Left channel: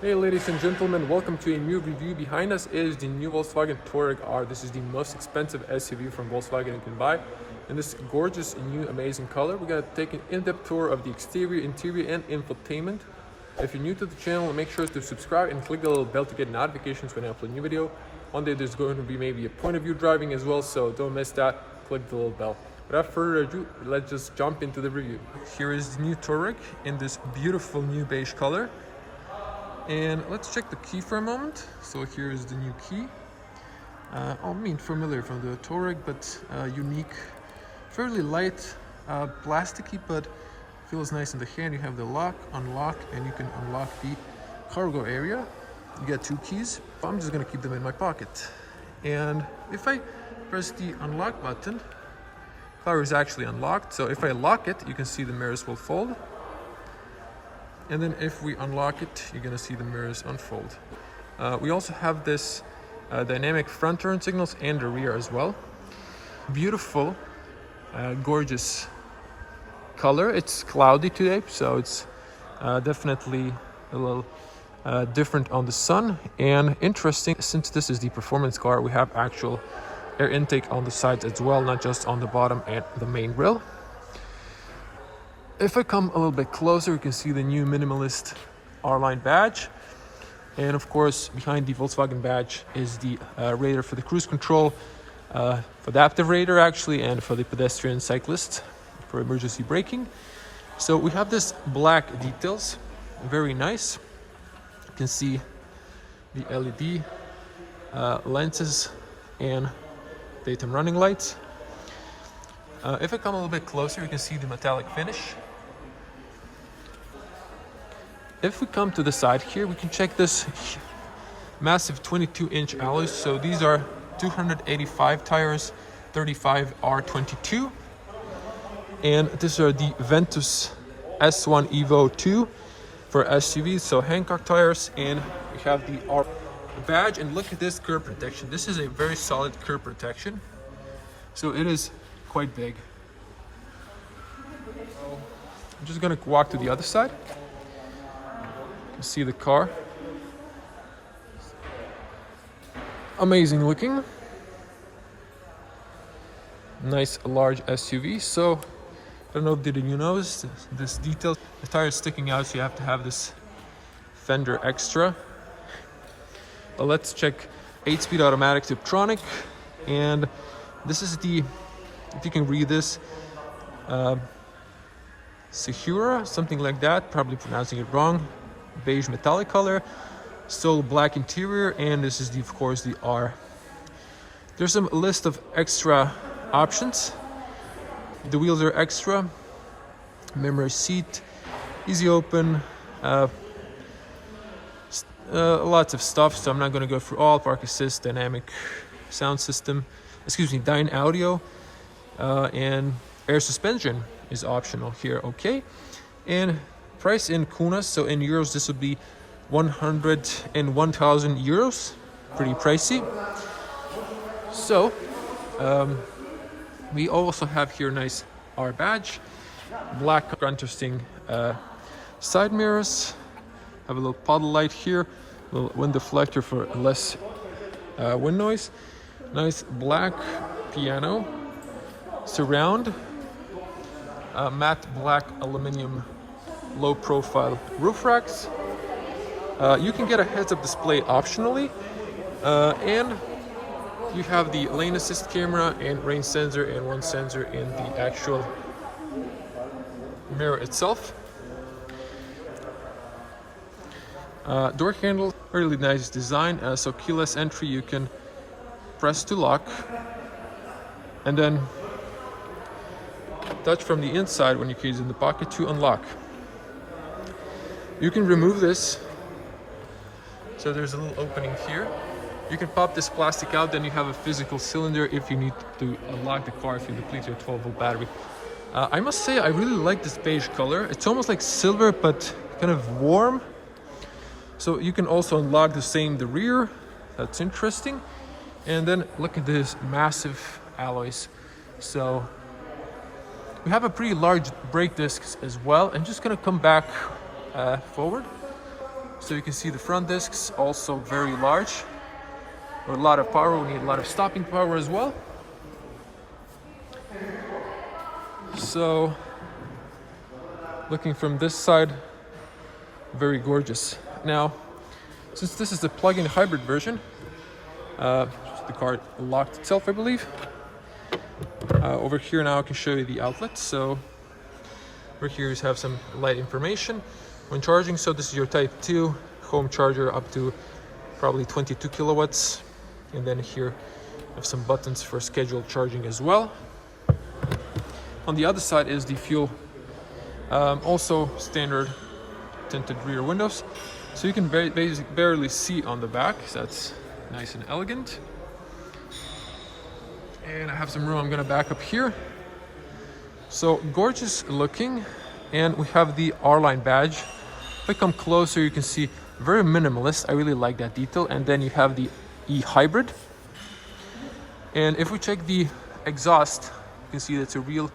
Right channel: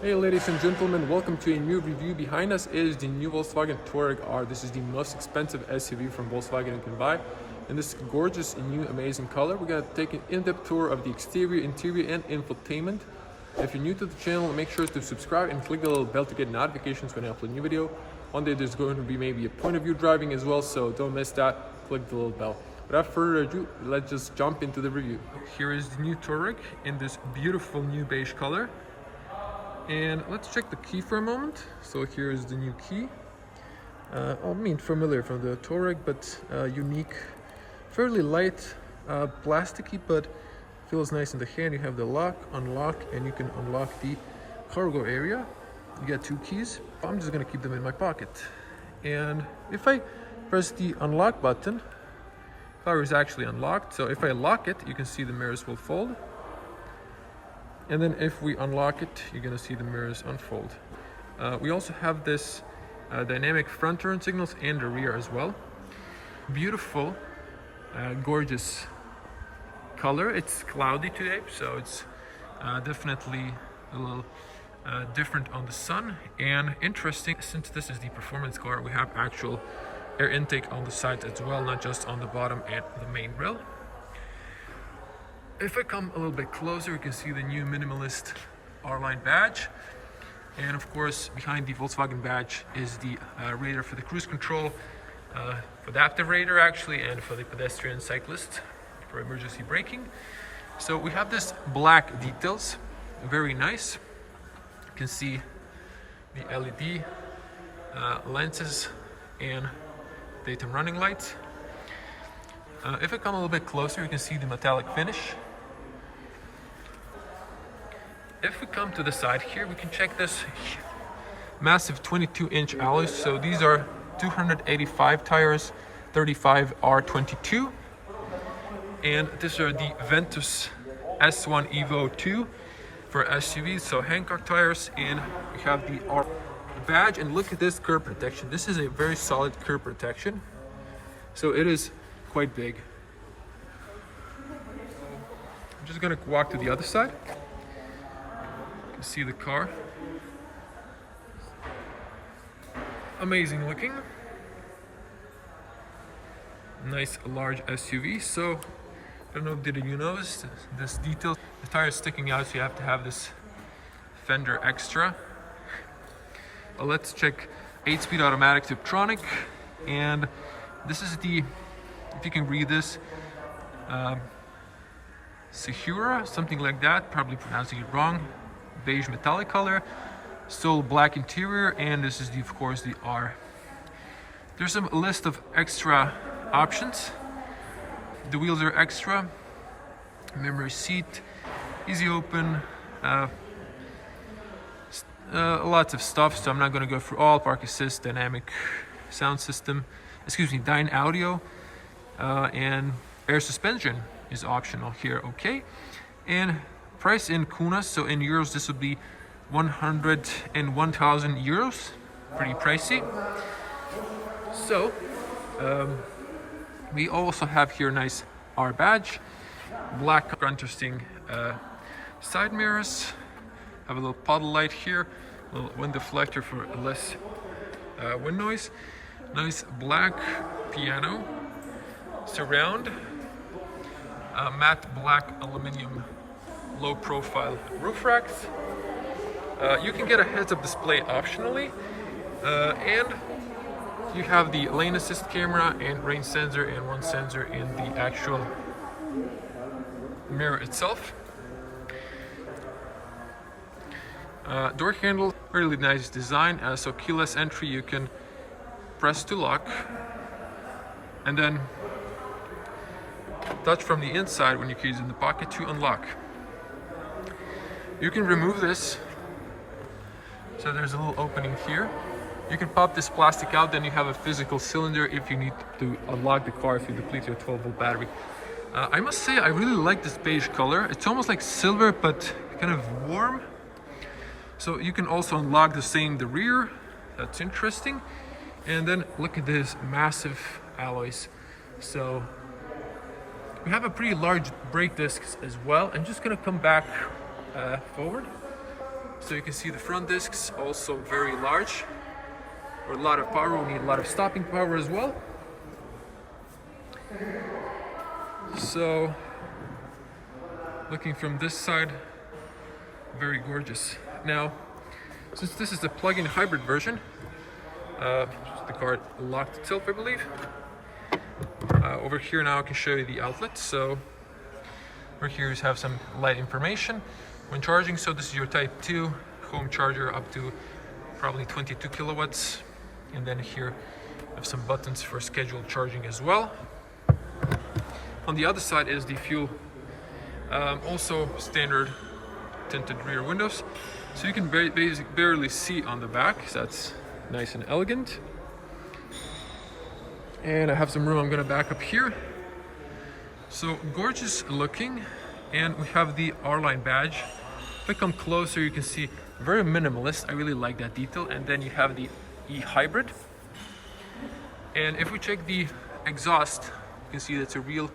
Hey ladies and gentlemen, welcome to a new review. Behind us is the new Volkswagen Touareg R. This is the most expensive SUV from Volkswagen you can buy. In this gorgeous, new, amazing color, we're going to take an in-depth tour of the exterior, interior, and infotainment. If you're new to the channel, make sure to subscribe and click the little bell to get notifications when I upload a new video. One day there's going to be maybe a point of view driving as well, so don't miss that. Click the little bell. Without further ado, let's just jump into the review. Here is the new Touareg in this beautiful new beige color. And let's check the key for a moment. So here is the new key. Familiar from the Touareg, but unique. Fairly light, plasticky, but feels nice in the hand. You have the lock, unlock, and you can unlock the cargo area. You get two keys. I'm just gonna keep them in my pocket. And if I press the unlock button, car is actually unlocked. So if I lock it, you can see the mirrors will fold. And then if we unlock it, you're gonna see the mirrors unfold. We also have this dynamic front turn signals and the rear as well. Beautiful, gorgeous color. It's cloudy today, so it's definitely a little different on the sun. And interesting, since this is the performance car, we have actual air intake on the sides as well, not just on the bottom and the main grille. If I come a little bit closer, you can see the new minimalist R-Line badge. And of course, behind the Volkswagen badge is the radar for the cruise control, for the adaptive radar actually, and for the pedestrian cyclist for emergency braking. So we have this black details, very nice. You can see the LED lenses and daytime running lights. If I come a little bit closer, you can see the metallic finish. If we come to the side here, we can check this massive 22-inch alloys. So these are 285 tires, 35 R22. And these are the Ventus S1 Evo 2 for SUVs, so Hancock tires. And we have the R badge, and look at this curb protection. This is a very solid curb protection. So it is quite big. I'm just gonna walk to the other side. You can see the car. Amazing looking. Nice large SUV. So I don't know, did you notice this detail? The tire is sticking out, so you have to have this fender extra. Well, let's check 8-speed automatic Tiptronic. And this is the, if you can read this, Sechura, something like that, probably pronouncing it wrong. Beige metallic color, still black interior, and this is the, of course, the R. There's a list of extra options. The wheels are extra, memory seat, easy open, lots of stuff, so I'm not going to go through all. Park assist, dynamic sound system, Dyne audio, and air suspension is optional here. Okay, and price in kunas, so in euros this would be 101,000 euros. Pretty pricey. So we also have here nice R badge, black contrasting side mirrors, have a little puddle light here, a little wind deflector for less wind noise. Nice black piano, surround, matte black aluminum low profile roof racks. You can get a heads-up display optionally, and you have the lane assist camera and rain sensor, and one sensor in the actual mirror itself. Door handle, really nice design. So keyless entry, you can press to lock, and then touch from the inside when your key is in the pocket to unlock. You can remove this, so there's a little opening here. You can pop this plastic out, then you have a physical cylinder if you need to unlock the car if you deplete your 12-volt battery. I must say I really like this beige color. It's almost like silver, but kind of warm. So you can also unlock the rear. That's interesting. And then look at this massive alloys. So we have a pretty large brake discs as well. I'm just gonna come back forward. So you can see the front discs also very large. With a lot of power, we need a lot of stopping power as well. So looking from this side, very gorgeous. Now, since this is the plug-in hybrid version, the car locked itself, I believe. Over here now I can show you the outlets. So over here you have some light information when charging. So this is your Type 2 home charger up to probably 22 kilowatts. And then here you have some buttons for scheduled charging as well. On the other side is the fuel, also standard tinted rear windows. So you can barely see on the back. That's nice and elegant. And I have some room. I'm gonna back up here. So gorgeous looking. And we have the R-Line badge. If I come closer, you can see very minimalist. I really like that detail. And then you have the eHybrid. And if we check the exhaust, you can see that's a real,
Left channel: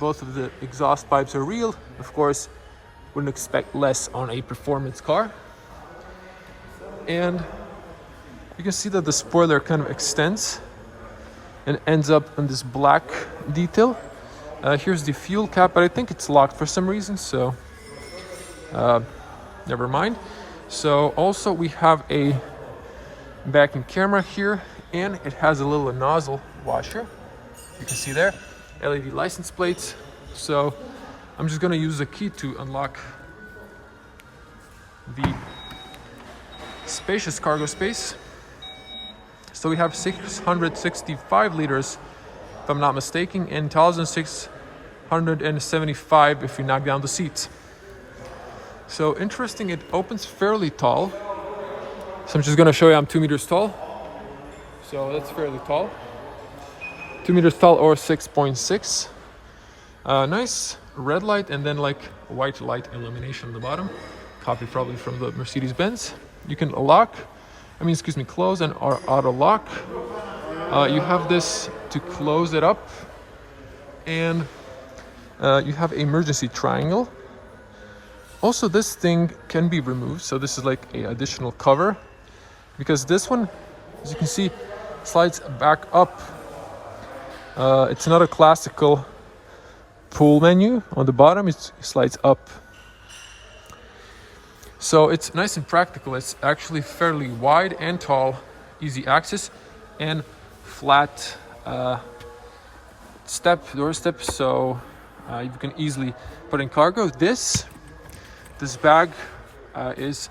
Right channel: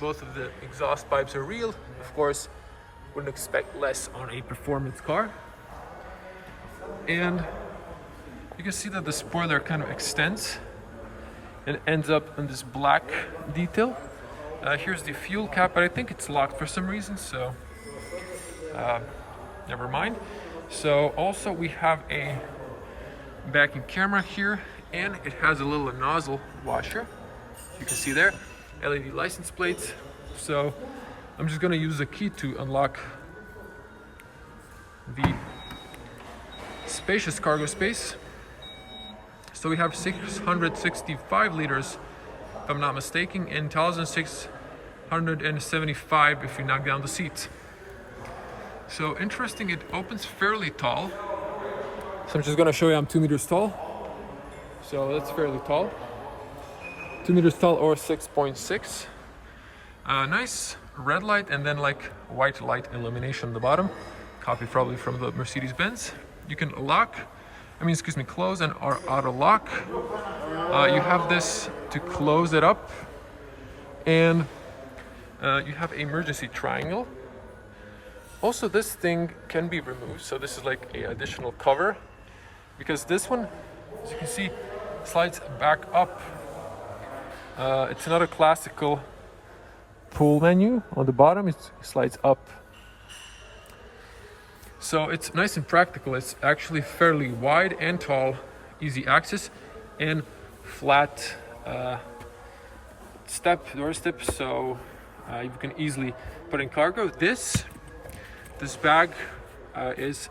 both of the exhaust pipes are real. Of course, wouldn't expect less on a performance car. And you can see that the spoiler kind of extends and ends up in this black detail. Here's the fuel cap, but I think it's locked for some reason, so never mind. So also we have a backing camera here, and it has a little nozzle washer. You can see there, LED license plates. So I'm just gonna use the key to unlock the spacious cargo space. So we have 665 liters, if I'm not mistaken, and 1,675 if you knock down the seats. So interesting, it opens fairly tall. So I'm just gonna show you I'm 2 meters tall. So that's fairly tall. 2 meters tall or 6.6. Nice red light and then like white light illumination on the bottom. Copy probably from the Mercedes-Benz. You can close and auto lock. You have this to close it up, and you have emergency triangle. Also, this thing can be removed, so this is like an additional cover, because this one, as you can see, slides back up. It's not a classical pull menu on the bottom, it slides up. So it's nice and practical. It's actually fairly wide and tall, easy access, and flat door step, so you can easily put in cargo. This bag is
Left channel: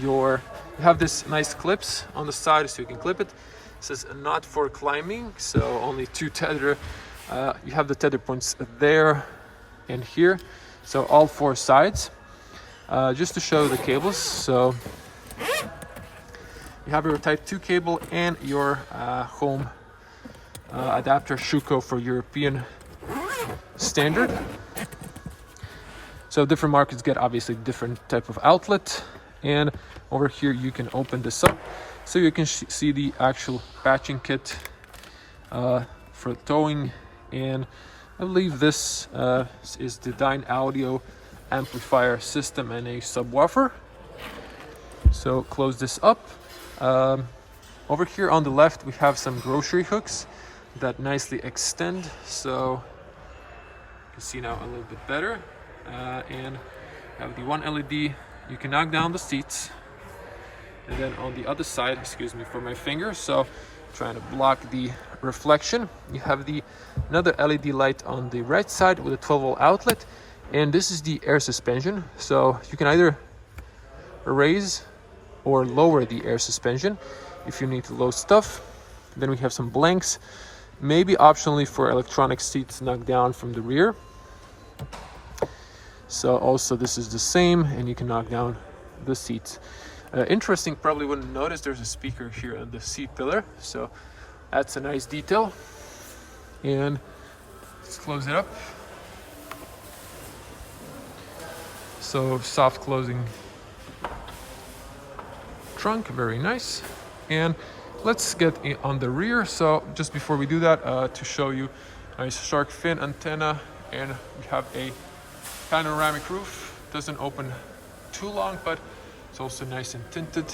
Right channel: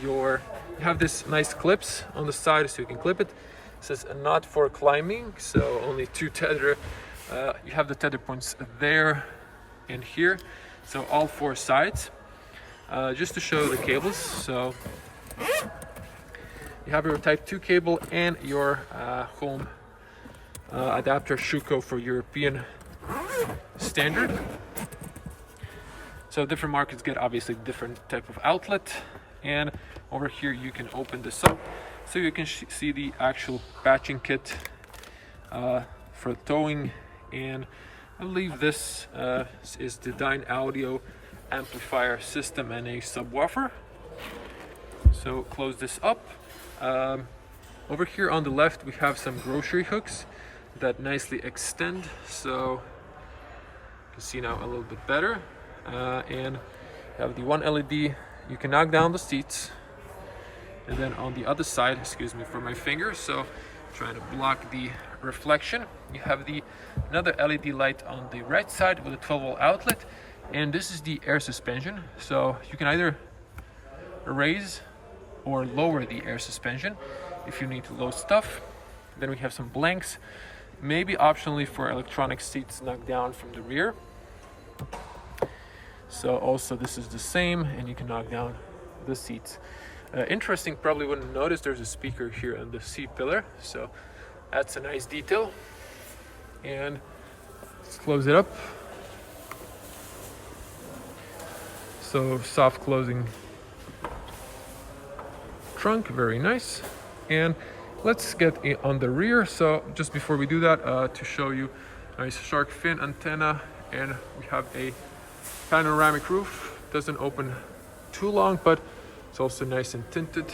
you have this nice clips on the side, so you can clip it. It says not for climbing, so only 2 tether. You have the tether points there and here, so all 4 sides. Just to show the cables, so you have your Type 2 cable and your home adapter Schuko for European standard. So different markets get obviously different type of outlet. And over here you can open this up so you can see the actual patching kit for towing. And I believe this is the Dyne audio amplifier system and a subwoofer. So close this up. Over here on the left we have some grocery hooks that nicely extend, so you can see now a little bit better. And you have the one LED. You can knock down the seats, and then on the other side, excuse me for my finger, so trying to block the reflection, you have another LED light on the right side with a 12-volt outlet. And this is the air suspension, so you can either raise or lower the air suspension if you need to load stuff. Then we have some blanks, maybe optionally for electronic seats knocked down from the rear. So also this is the same, and you can knock down the seats. Interesting, probably wouldn't notice there's a speaker here on the seat pillar, so that's a nice detail. And let's close it up. So soft closing trunk, very nice. And let's get on the rear. So just before we do that, to show you a shark fin antenna, and we have a panoramic roof. Doesn't open too long, but It's also nice and tinted.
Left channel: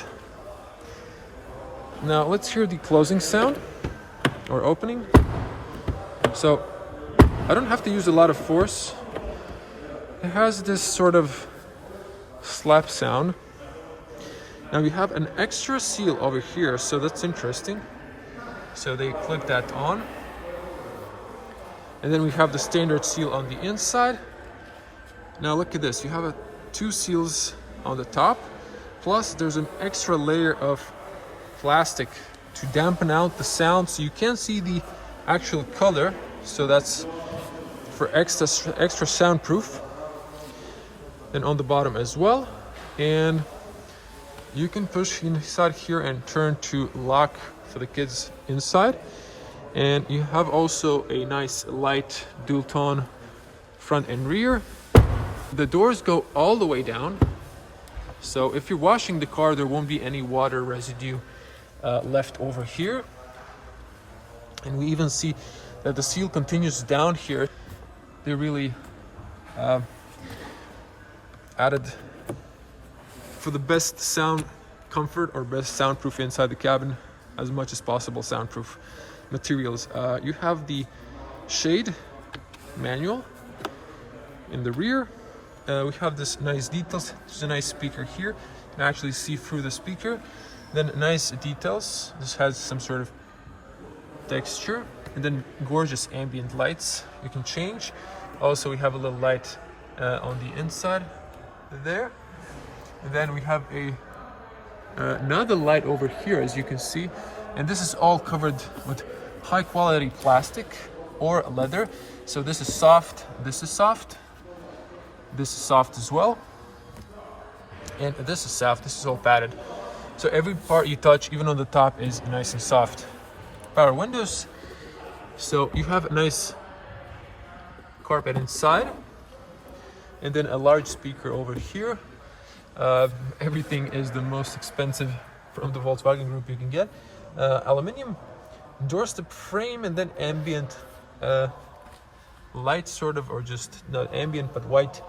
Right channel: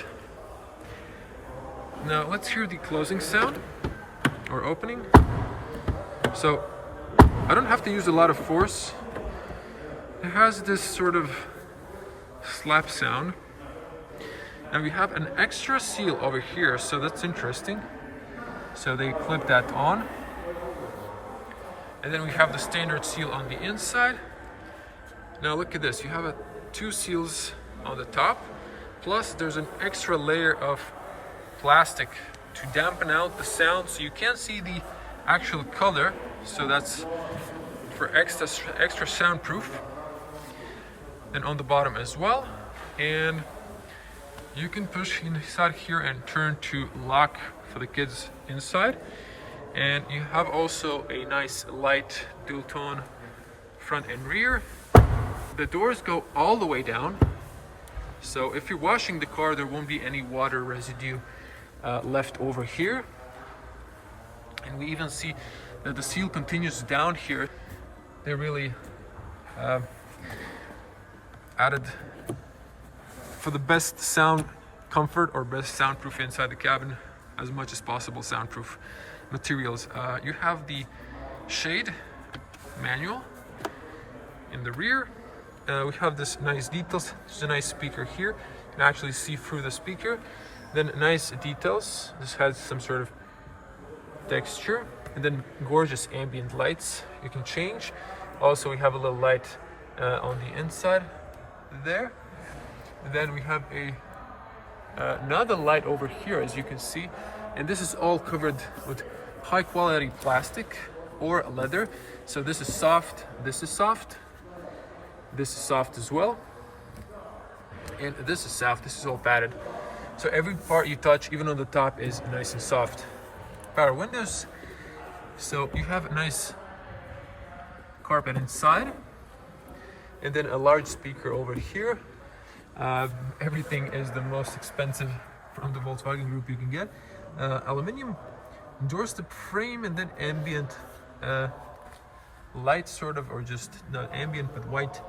Now let's hear the closing sound or opening. So I don't have to use a lot of force. It has this sort of slap sound. Now we have an extra seal over here, so that's interesting. So they clip that on. And then we have the standard seal on the inside. Now look at this, you have two seals on the top, plus there's an extra layer of plastic to dampen out the sound so you can't see the actual color. So that's for extra soundproof. And on the bottom as well. And you can push inside here and turn to lock for the kids inside. And you have also a nice light dual tone front and rear. The doors go all the way down. So if you're washing the car, there won't be any water residue left over here. And we even see that the seal continues down here. They really added for the best sound comfort or best soundproof inside the cabin, as much as possible soundproof materials. You have the shade manual in the rear. We have this nice details. There's a nice speaker here. You can actually see through the speaker. Then nice details. This has some sort of texture. And then gorgeous ambient lights you can change. Also, we have a little light on the inside there. And then we have another light over here, as you can see. And this is all covered with high quality plastic or leather. So this is soft, this is soft, this is soft as well, and this is soft. This is all padded, so every part you touch, even on the top, is nice and soft. Power windows, so you have a nice carpet inside, and then a large speaker over here. Everything is the most expensive from the Volkswagen group you can get. Aluminium doorstep frame, and then ambient light, sort of, or just not ambient but white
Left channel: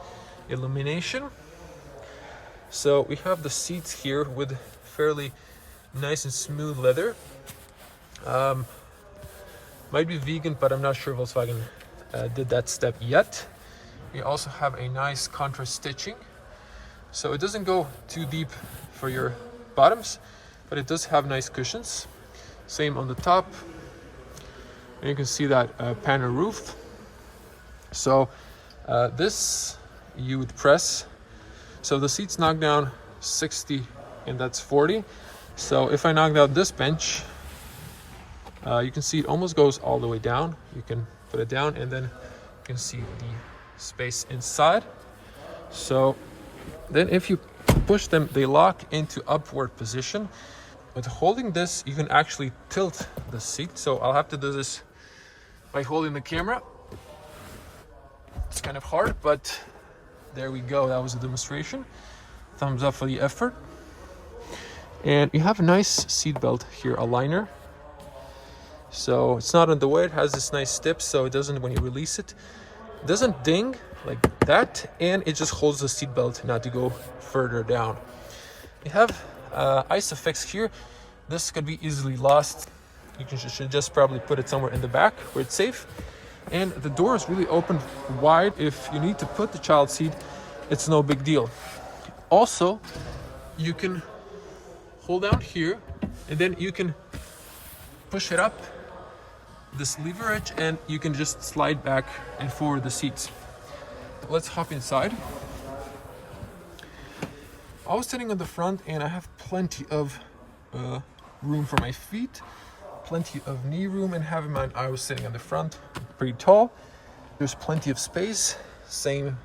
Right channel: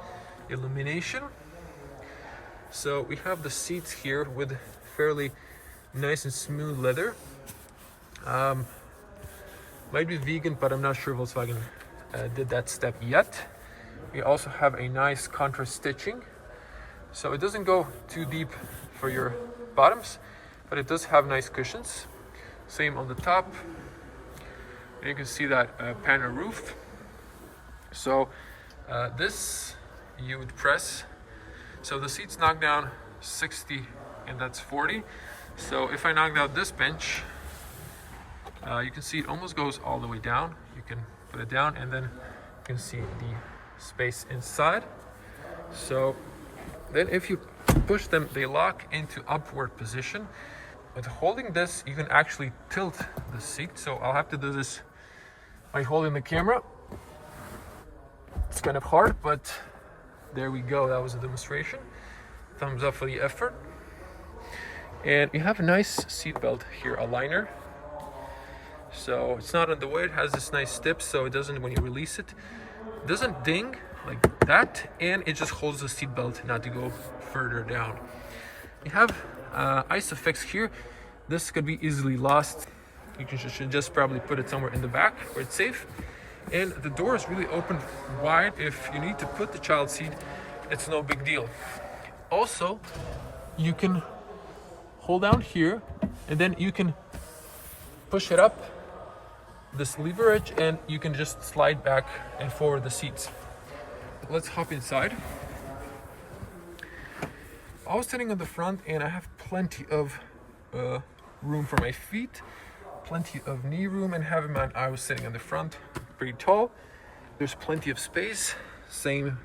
illumination. So we have the seats here with fairly nice and smooth leather. Might be vegan, but I'm not sure Volkswagen did that step yet. We also have a nice contrast stitching, so it doesn't go too deep for your bottoms, but it does have nice cushions. Same on the top. And you can see that panel roof. So this you would press. So the seats knock down 60 and that's 40. So if I knocked out this bench, you can see it almost goes all the way down. You can put it down and then you can see the space inside. So then if you push them, they lock into upward position. With holding this, you can actually tilt the seat. So I'll have to do this by holding the camera. It's kind of hard, but there we go. That was a demonstration. Thumbs up for the effort. And you have a nice seat belt here, a liner. So it's not on the way. It has this nice tip, so it doesn't, when you release it, it doesn't ding like that, and it just holds the seat belt not to go further down. You have ISOFIX here. This could be easily lost. You should just probably put it somewhere in the back where it's safe. And the door is really open wide. If you need to put the child seat, it's no big deal. Also, you can hold down here and then you can push it up this leverage and you can just slide back and forward the seats. Let's hop inside. I was sitting on the front and I have plenty of room for my feet, plenty of knee room, and having my, I was sitting on the front, pretty tall. There's plenty of space. Same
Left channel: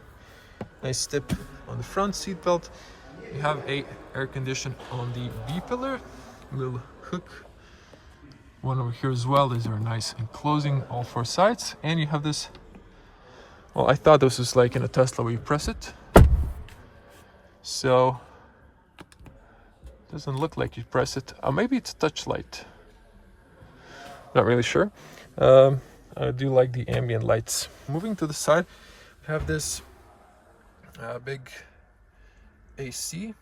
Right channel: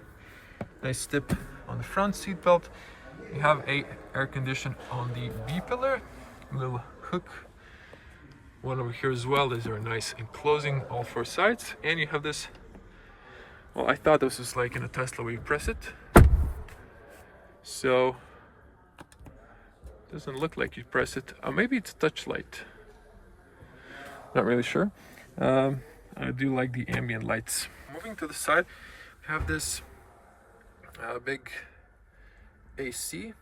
nice tip on the front seat belt. You have a air condition on the B pillar, little hook, one over here as well. These are nice enclosing all four sides, and you have this. Well, I thought this was like in a Tesla where you press it. So doesn't look like you press it. Maybe it's a touch light. Not really sure. I do like the ambient lights. Moving to the side, we have this big AC.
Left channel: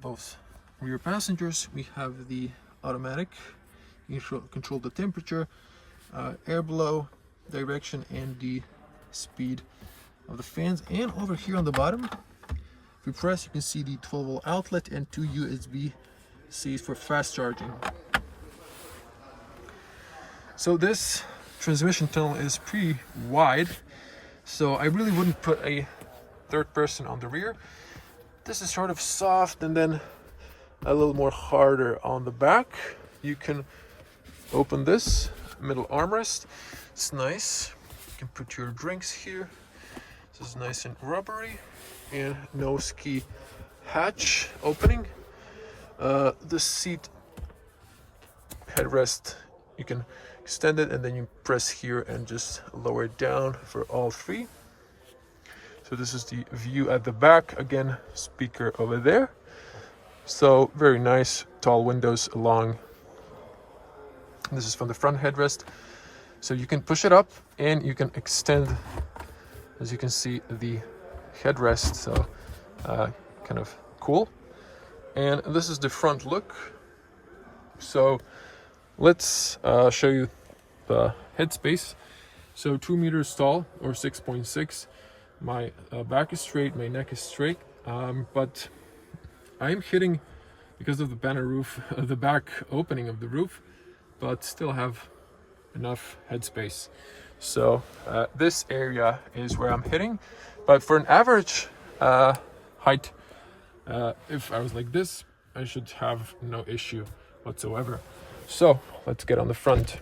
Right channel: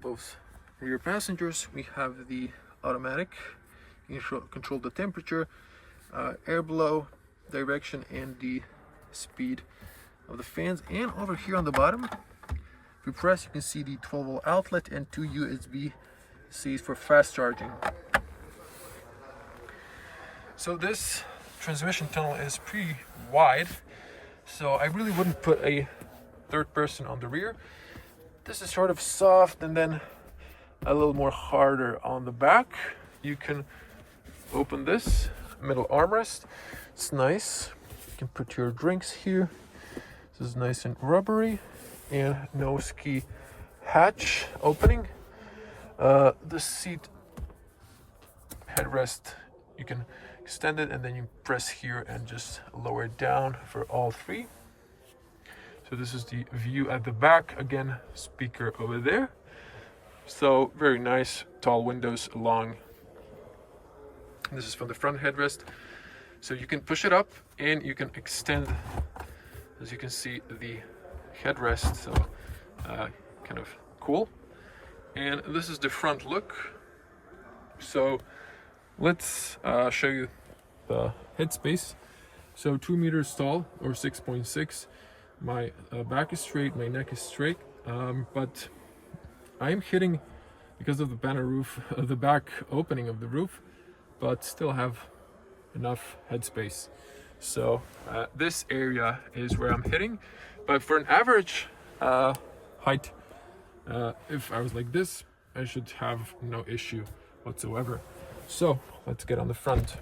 both rear passengers. We have the automatic. You can control the temperature, air blow, direction, and the speed of the fans. And over here on the bottom, if you press, you can see the 12-volt outlet and 2 USB-Cs for fast charging. So this transmission tunnel is pretty wide, so I really wouldn't put a third person on the rear. This is sort of soft and then a little more harder on the back. You can open this middle armrest. It's nice. You can put your drinks here. This is nice and rubbery, and no ski hatch opening. The seat headrest, you can extend it and then you press here and just lower it down for all three. So this is the view at the back. Again, speaker over there. So very nice, tall windows along. This is from the front headrest. So you can push it up and you can extend, as you can see, the headrest. So kind of cool. And this is the front look. So let's show you the headspace. So 2 meters tall, or 6.6. My back is straight, my neck is straight, but I am hitting, because of the banner roof, the back opening of the roof, but still have enough headspace. So this area is where I'm hitting, but for an average height, if I was like this, I should have no issue whatsoever. So let's get on the front.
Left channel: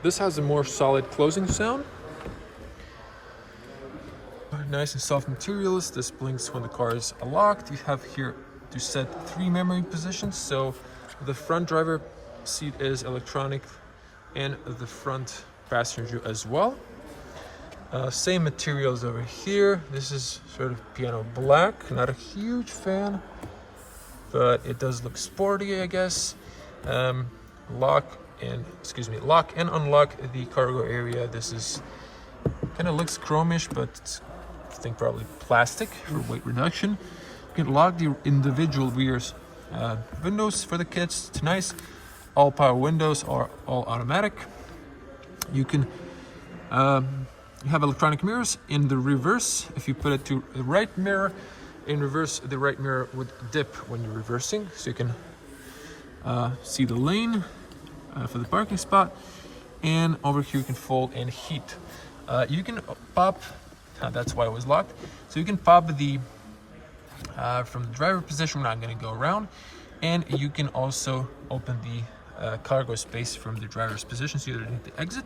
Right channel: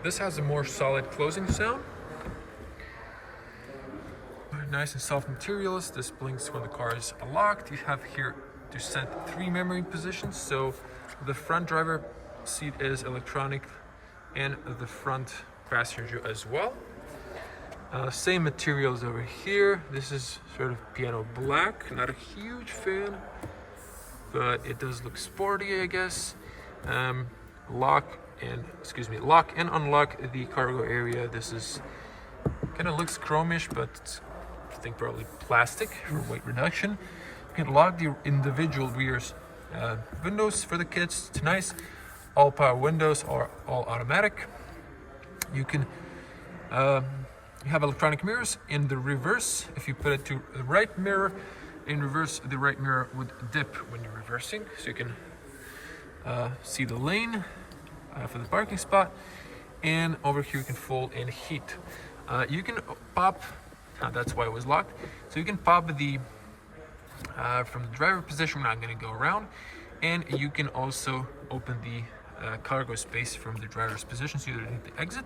This has a more solid closing sound. Nice and soft materials. This blinks when the car is locked. You have here to set 3 memory positions. So the front driver seat is electronic and the front passenger as well. Same materials over here. This is sort of piano black. Not a huge fan, but it does look sporty, I guess. Lock and unlock the cargo area. This is kind of looks chromish, but it's, I think, probably plastic for weight reduction. You can lock the individual rear windows for the kids. It's nice. All power windows are all automatic. You can you have electronic mirrors in the reverse. If you put it to the right mirror, in reverse, the right mirror would dip when you're reversing, so you can see the lane for the parking spot. And over here you can fold in heat. You can pop, that's why it was locked, so you can pop the from the driver position. We're not going to go around, and you can also open the cargo space from the driver's position, so you don't need to exit.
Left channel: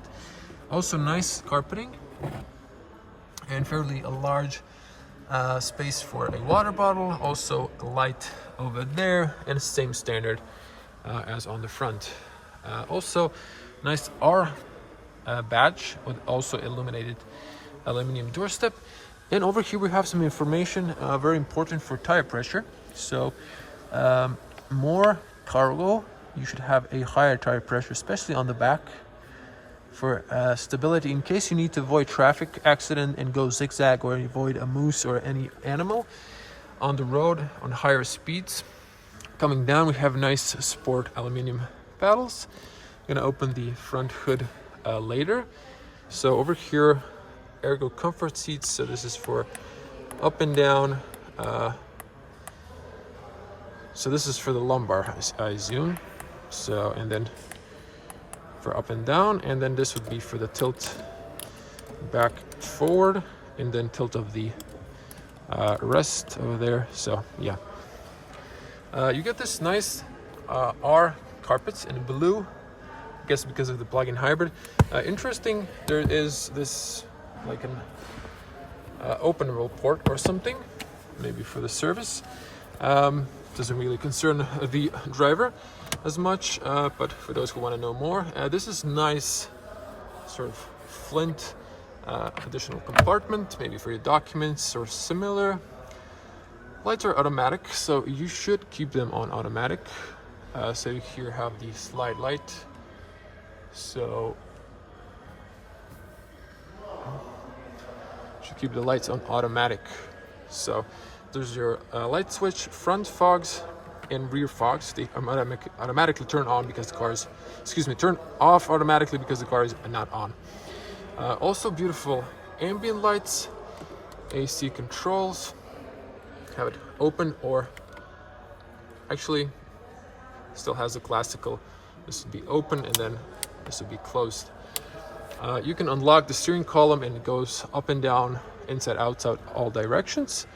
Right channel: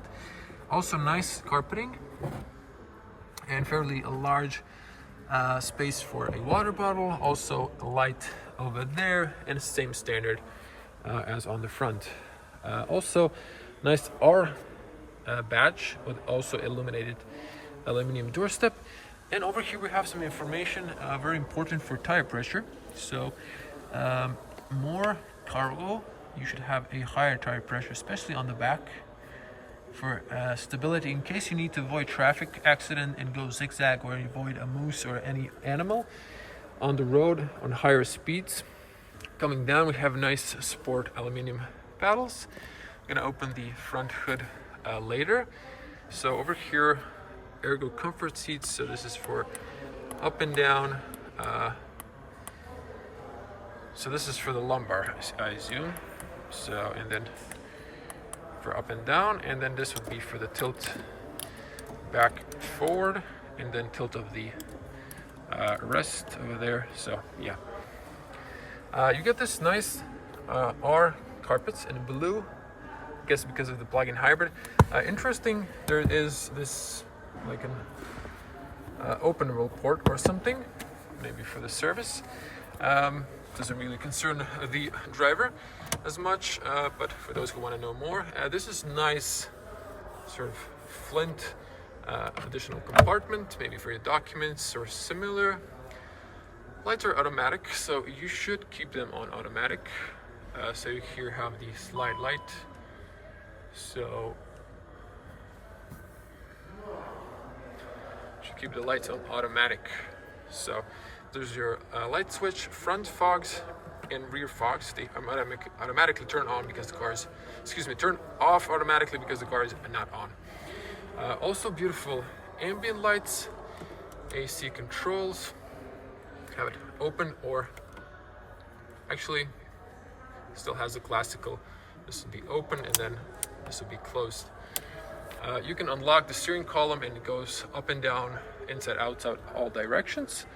Also nice carpeting and fairly a large space for a water bottle. Also light over there, and same standard as on the front. Also nice R badge with also illuminated aluminum doorstep. Then over here we have some information very important for tire pressure. So more cargo, you should have a higher tire pressure, especially on the back, for stability in case you need to avoid traffic accident and go zigzag, or avoid a moose or any animal on the road on higher speeds. Coming down, we have nice sport aluminum paddles. I'm gonna open the front hood later. So over here, ergo comfort seats. So this is for up and down. So this is for the lumbar, I assume. So, and then for up and down, and then this would be for the tilt back forward, and then tilt of the rest over there. So yeah, you get this nice R carpets in blue, I guess because of the plug-in hybrid. Interesting, there is this like an openable port or something, maybe for the service. Doesn't really concern the driver as much, but for those who want to know more, this is nice sort of flint additional compartment, maybe for your documents or similar. Lights are automatic, so you should keep them on automatic. So here you have the slide light So should keep the lights on automatic. So there's your light switch, front fogs and rear fogs. They automatically turn on because the car is, turn off automatically because the car is not on. Also beautiful ambient lights, AC controls, have it open, or actually still has a classical, this would be open and then this would be closed. You can unlock the steering column and it goes up and down, inside, outside, all directions.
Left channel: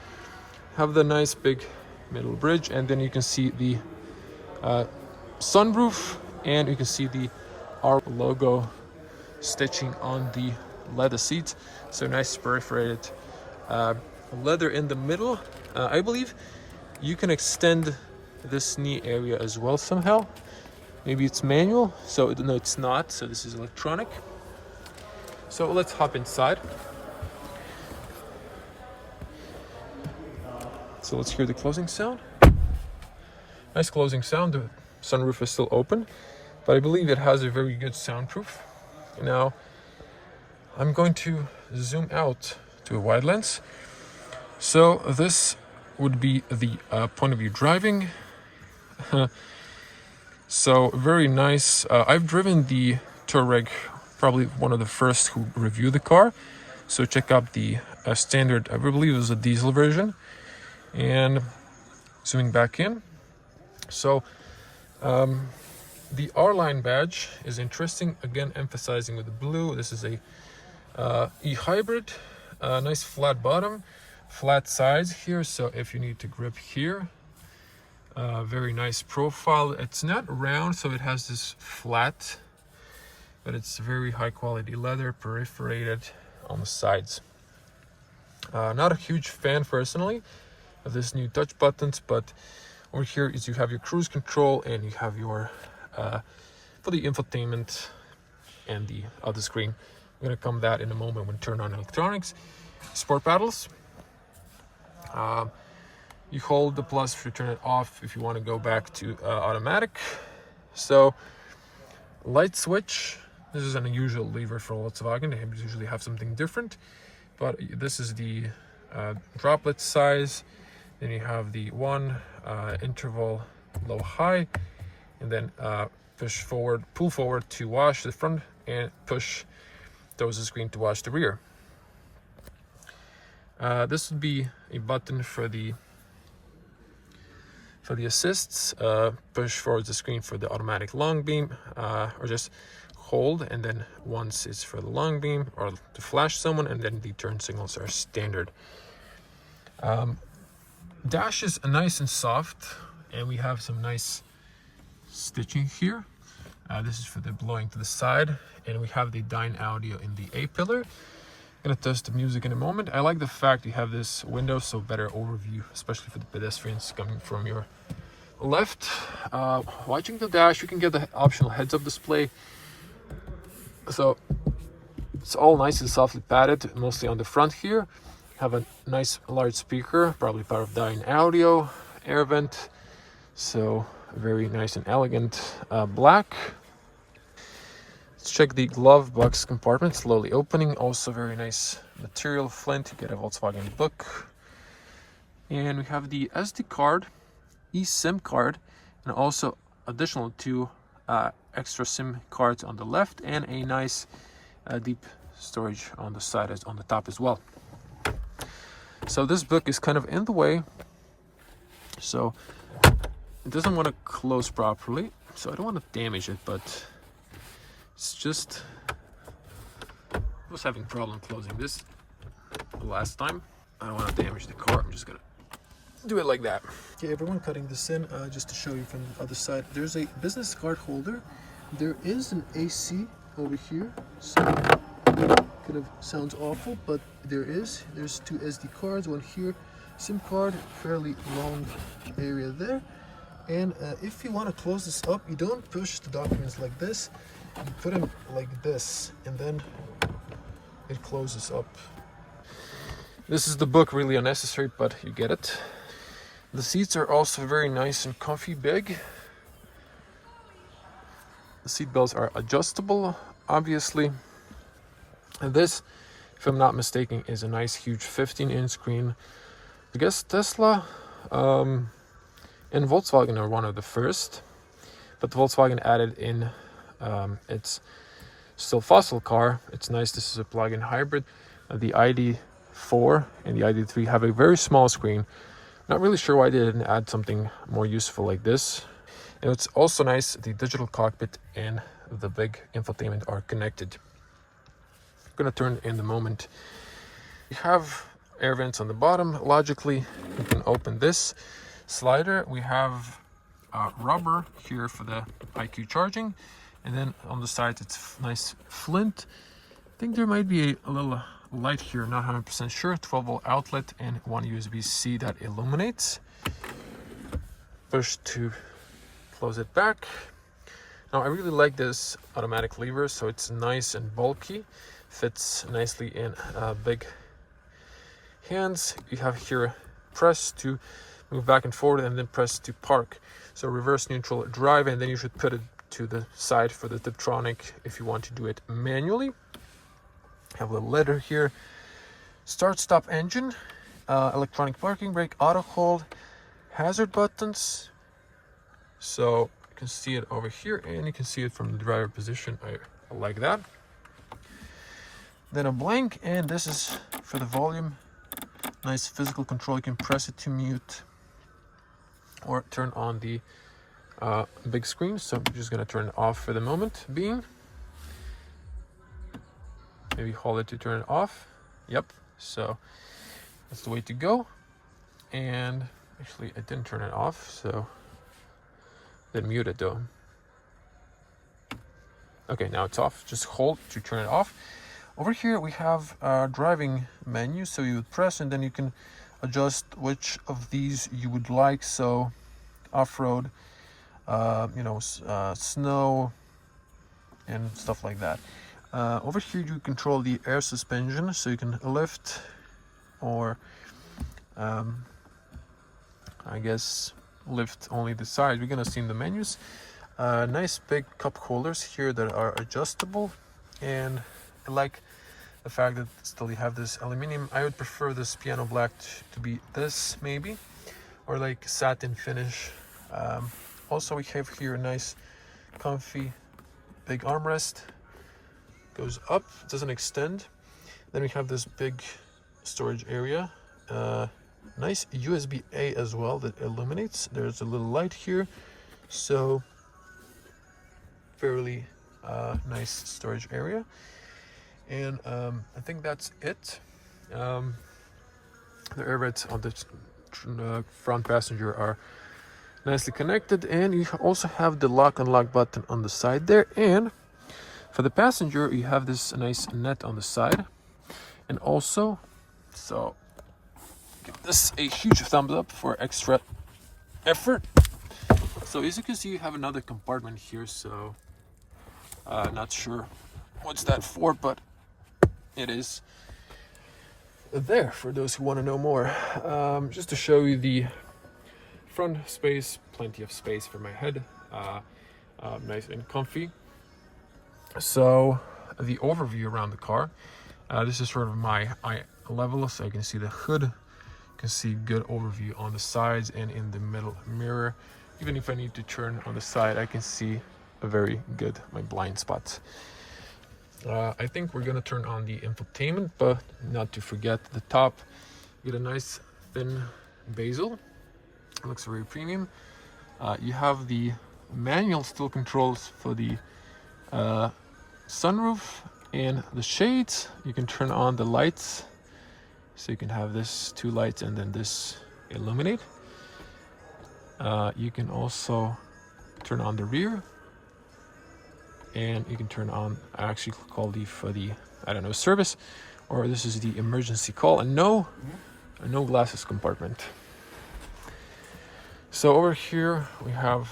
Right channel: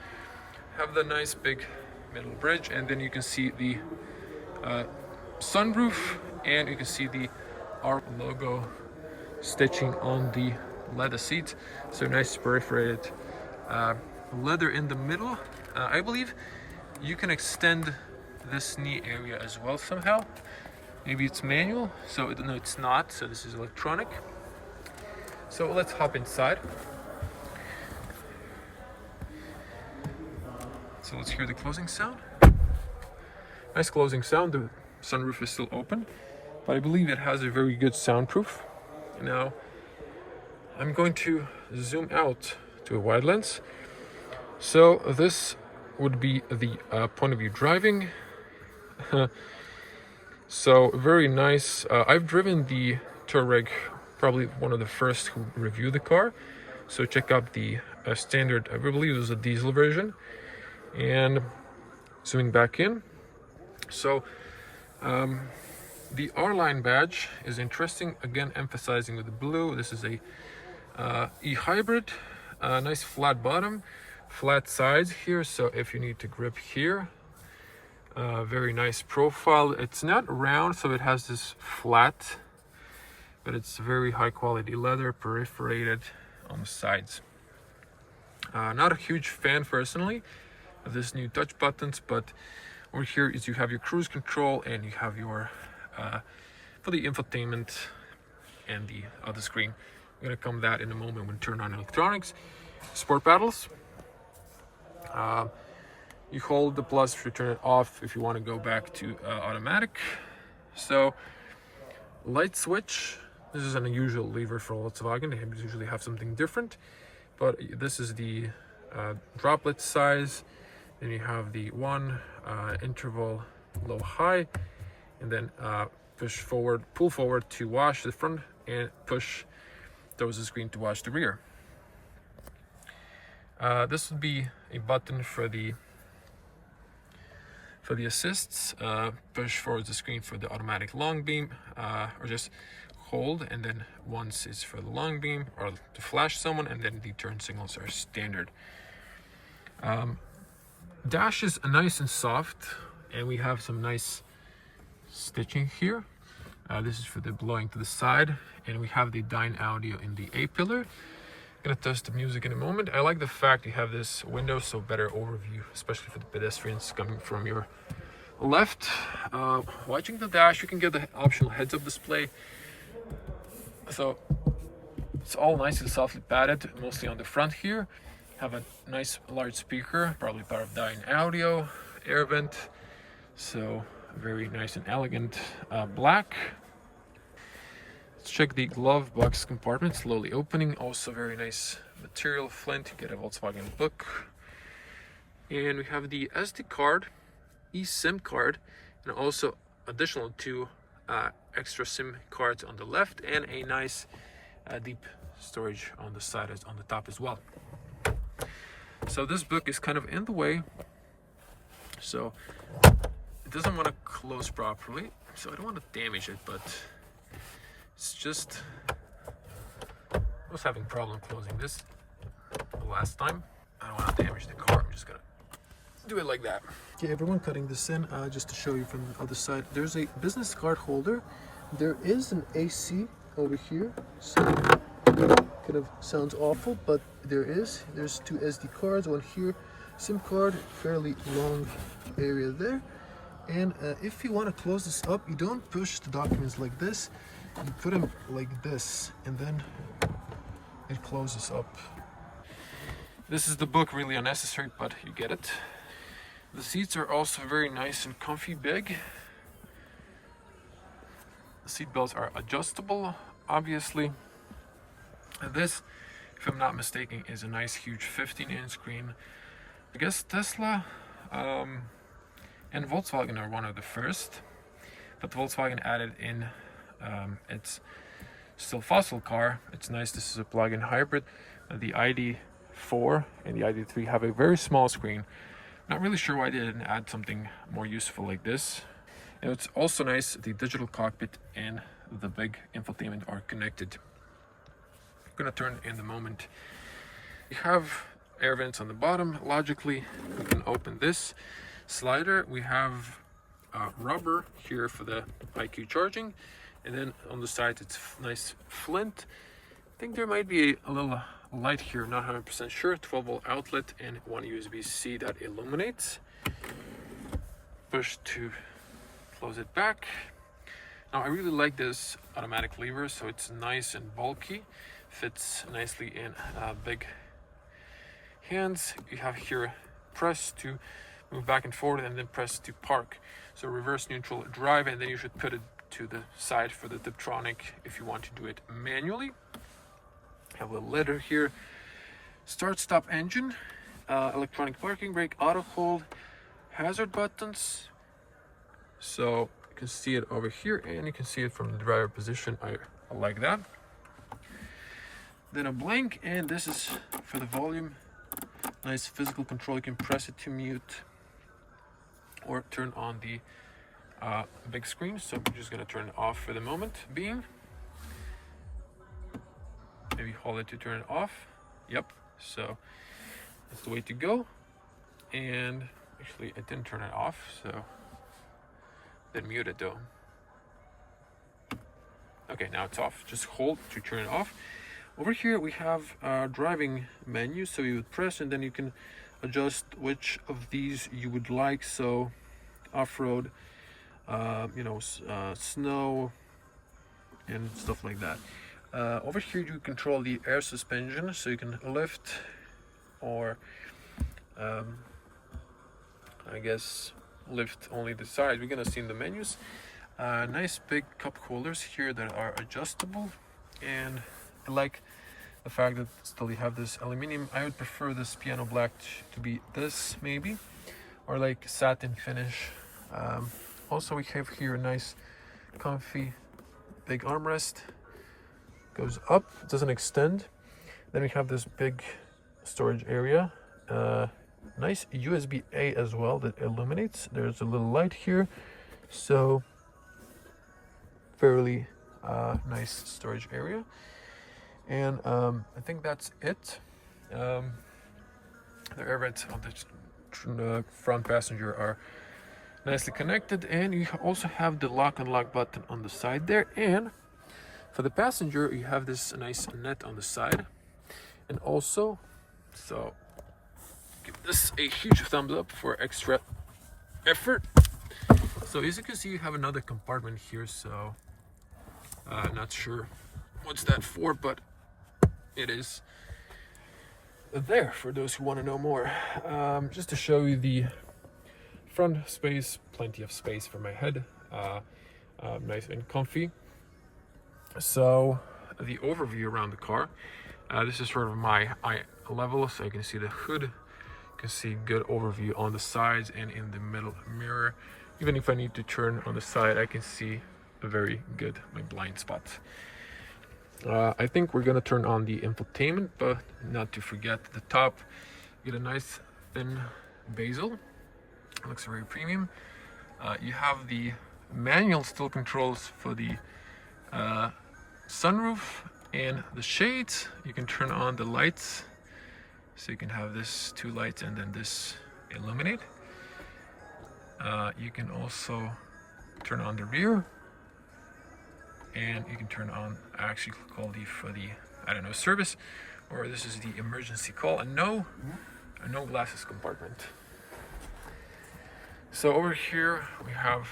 Have the nice big middle bridge, and then you can see the sunroof, and you can see the R logo stitching on the leather seats. So nice perforated leather in the middle. I believe you can extend this knee area as well somehow. Maybe it's manual, so no, it's not. So this is electronic. So let's hop inside. So let's hear the closing sound. Nice closing sound. The sunroof is still open, but I believe it has a very good soundproof. Now I'm going to zoom out to a wide lens. So this would be the point of view driving. So very nice. I've driven the Touareg, probably one of the first who reviewed the car. So check out the standard, I believe it was a diesel version. And zooming back in. So the R-Line badge is interesting. Again, emphasizing with the blue. This is a eHybrid. Nice flat bottom, flat sides here. So if you need to grip here, very nice profile. It's not round, so it has this flat, but it's very high quality leather, perforated on the sides. Not a huge fan personally of this new touch buttons, but over here is you have your cruise control and you have your for the infotainment and the other screen. I'm gonna come that in a moment when we turn on electronics. Sport paddles. You hold the plus to turn it off if you want to go back to automatic. So light switch. This is an unusual lever for Volkswagen. They usually have something different, but this is the droplet size. Then you have the one interval low high, and then push forward, pull forward to wash the front, and push towards the screen to wash the rear. This would be a button for the assists. Push forward the screen for the automatic long beam, or just hold, and then once it's for the long beam or to flash someone, and then the turn signals are standard. Dash is nice and soft, and we have some nice stitching here. This is for the blowing to the side, and we have the Dyne audio in the A pillar. I'm gonna test the music in a moment. I like the fact you have this window, so better overview, especially for the pedestrians coming from your left. Watching the dash, you can get the optional heads-up display. So it's all nice and softly padded, mostly on the front here. Have a nice large speaker, probably part of Dyne audio, air vent. So very nice and elegant black. Let's check the glove box compartment, slowly opening. Also very nice material, flint. You get a Volkswagen book. And we have the SD card, eSIM card, and also additional 2 extra SIM cards on the left, and a nice deep storage on the side, on the top as well. So this book is kind of in the way, so it doesn't want to close properly, so I don't want to damage it, but it's just, I was having problem closing this the last time. I don't want to damage the car. I'm just gonna do it like that. Okay, everyone, cutting this in just to show you from the other side. There's a business card holder. There is an AC over here, so kind of sounds awful, but there's 2 SD cards, one here, SIM card, fairly long area there. And if you want to close this up, you don't push the documents like this, you put them like this, and then it closes up. This is the book, really unnecessary, but you get it. The seats are also very nice and comfy, big. The seat belts are adjustable, obviously. And this, if I'm not mistaken, is a nice huge 15-inch screen. I guess Tesla and Volkswagen are one of the first, but Volkswagen added in its still fossil car. It's nice. This is a plug-in hybrid. The ID.4 and the ID.3 have a very small screen. Not really sure why they didn't add something more useful like this. And it's also nice, the digital cockpit and the big infotainment are connected. I'm gonna turn in the moment. We have air vents on the bottom. Logically, you can open this slider. We have rubber here for the IQ charging, and then on the side it's nice flint. I think there might be a little light here, not 100% sure. 12-volt outlet and one USB-C that illuminates. Push to close it back. Now I really like this automatic lever, so it's nice and bulky, fits nicely in big hands. You have here press to move back and forward, and then press to park. So reverse, neutral, drive, and then you should put it to the side for the Tiptronic if you want to do it manually. Have a little letter here. Start stop engine, electronic parking brake, auto hold, hazard buttons. So you can see it over here, and you can see it from the driver position. I like that. Then a blank, and this is for the volume. Nice physical control. You can press it to mute or turn on the big screen. So I'm just gonna turn it off for the moment being. Maybe hold it to turn it off. Yep, so that's the way to go. And actually I didn't turn it off, so then mute it though. Okay, now it's off. Just hold to turn it off. Over here we have a driving menu, so you would press and then you can adjust which of these you would like. So off-road, snow and stuff like that. Over here you control the air suspension, so you can lift or I guess lift only the side. We're gonna see in the menus. Nice big cup holders here that are adjustable, and I like the fact that still you have this aluminum. I would prefer this piano black to be this maybe, or like satin finish. Also we have here a nice comfy big armrest. Goes up, doesn't extend. Then we have this big storage area. Nice USB-A as well that illuminates. There's a little light here, so fairly nice storage area. And I think that's it. The air vents on the front passenger are nicely connected, and you also have the lock unlock button on the side there. And for the passenger, you have this nice net on the side, and also, so give this a huge thumbs up for extra effort. So as you can see, you have another compartment here, so not sure what's that for, but it is there for those who want to know more. Just to show you the front space, plenty of space for my head, nice and comfy. So the overview around the car, this is sort of my eye level, so you can see the hood, you can see good overview on the sides and in the middle mirror. Even if I need to turn on the side, I can see a very good my blind spots. I think we're gonna turn on the infotainment, but not to forget the top. You get a nice thin bezel. It looks very premium. You have the manual still controls for the sunroof and the shades. You can turn on the lights, so you can have this two lights and then this illuminate. You can also turn on the rear, and you can turn on, I actually call the for the, I don't know, service, or this is the emergency call, and no glasses compartment. So over here we have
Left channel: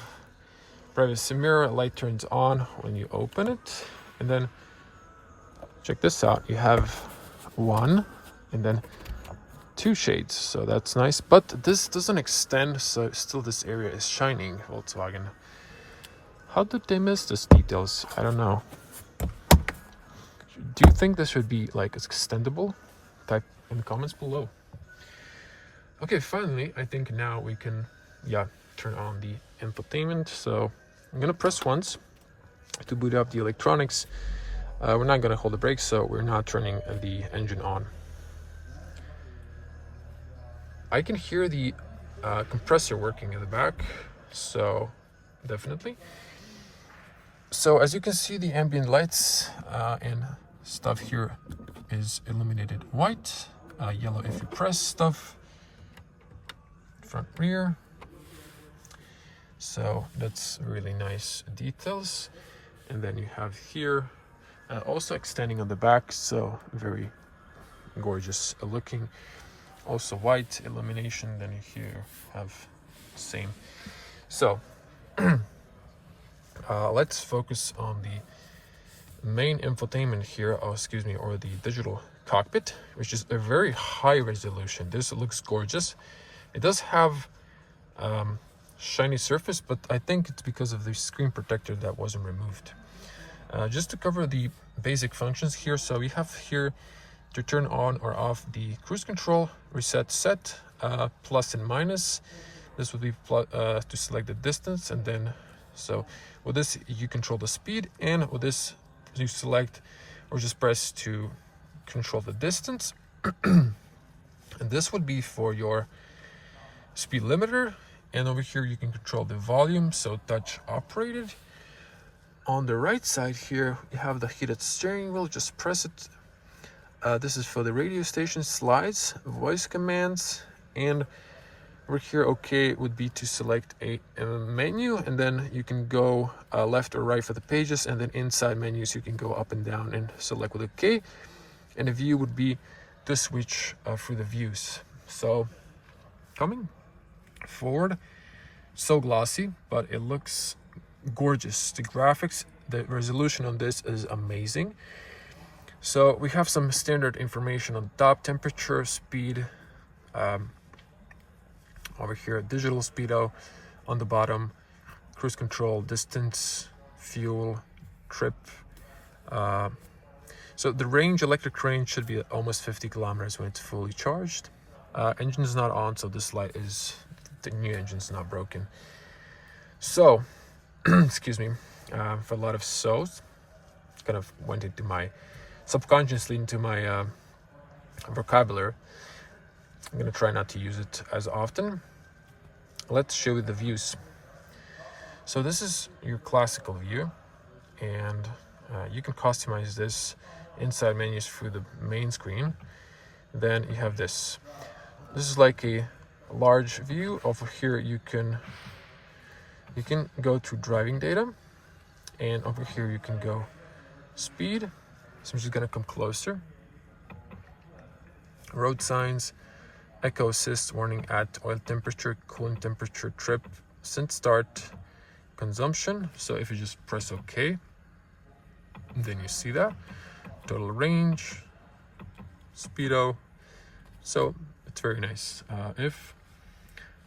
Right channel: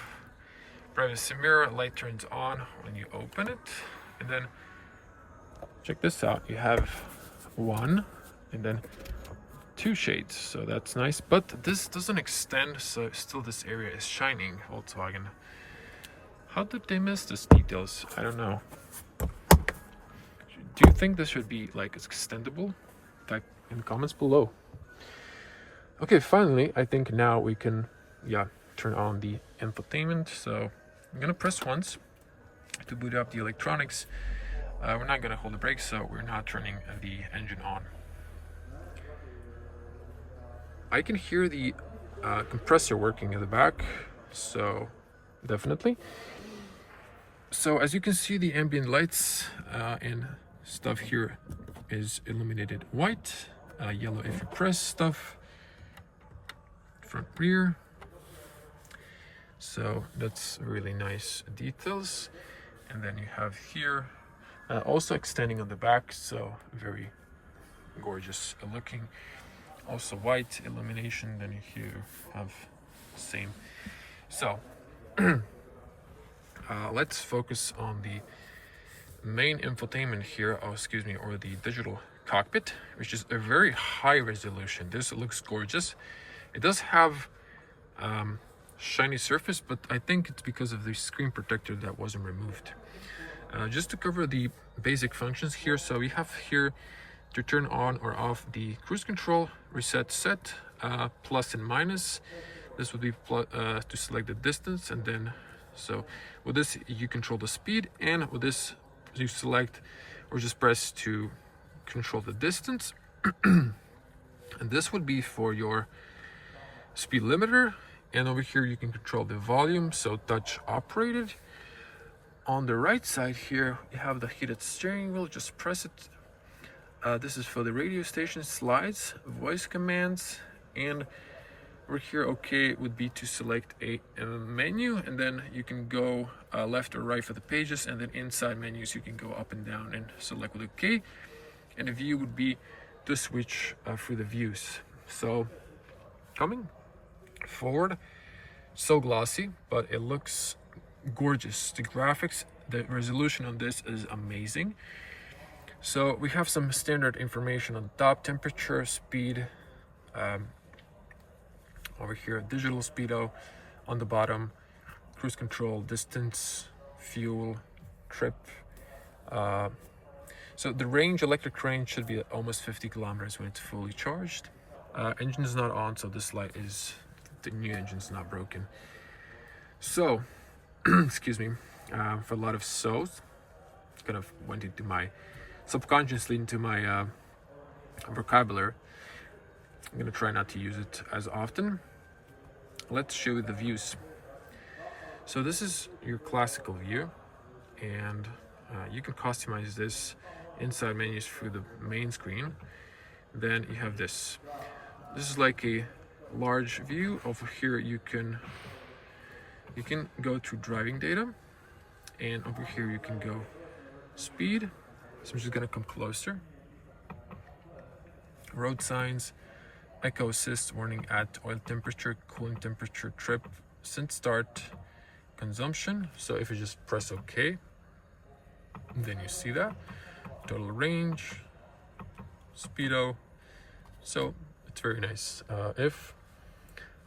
privacy mirror. Light turns on when you open it, and then check this out, you have one and then two shades, so that's nice, but this doesn't extend, so still this area is shining. Volkswagen How did they miss these details? I don't know. Do you think this should be like extendable? Type in the comments below. Okay, finally, I think now we can, turn on the infotainment. So I'm gonna press once to boot up the electronics. We're not gonna hold the brakes, so we're not turning the engine on. I can hear the compressor working in the back, so definitely. So as you can see, the ambient lights and stuff here is illuminated white, yellow if you press stuff, front rear. So that's really nice details. And then you have here also extending on the back, so very gorgeous looking. Also white illumination. Then you here have same. So let's focus on the main infotainment here, or the digital cockpit, which is a very high resolution. This looks gorgeous. It does have shiny surface, but I think it's because of the screen protector that wasn't removed. Just to cover the basic functions here, so we have here to turn on or off the cruise control, reset set, plus and minus. This would be to select the distance, and then so with this you control the speed, and with this you select or just press to control the distance. And this would be for your speed limiter, and over here you can control the volume, so touch operated. On the right side here you have the heated steering wheel, just press it. This is for the radio station, slides, voice commands, and over here OK would be to select a menu, and then you can go left or right for the pages, and then inside menus you can go up and down and select with OK. And the view would be to switch through the views. So coming forward, so glossy, but it looks gorgeous. The graphics, the resolution on this is amazing. So we have some standard information on the top: temperature, speed, over here digital speedo on the bottom, cruise control, distance, fuel, trip. So the range, electric range, should be almost 50 kilometers when it's fully charged. Engine is not on, so this light is, the new engine's not broken. So excuse me, for a lot of so's, kind of went into my subconsciously into my vocabulary. I'm gonna try not to use it as often. Let's show you the views. So this is your classical view, and you can customize this inside menus through the main screen. Then you have this. This is like a large view. Over here you can go to driving data, and over here you can go speed. So I'm just gonna come closer. Road signs, echo assist, warning at oil temperature, cooling temperature, trip, since start, consumption. So if you just press OK, then you see that. Total range, speedo. So it's very nice. If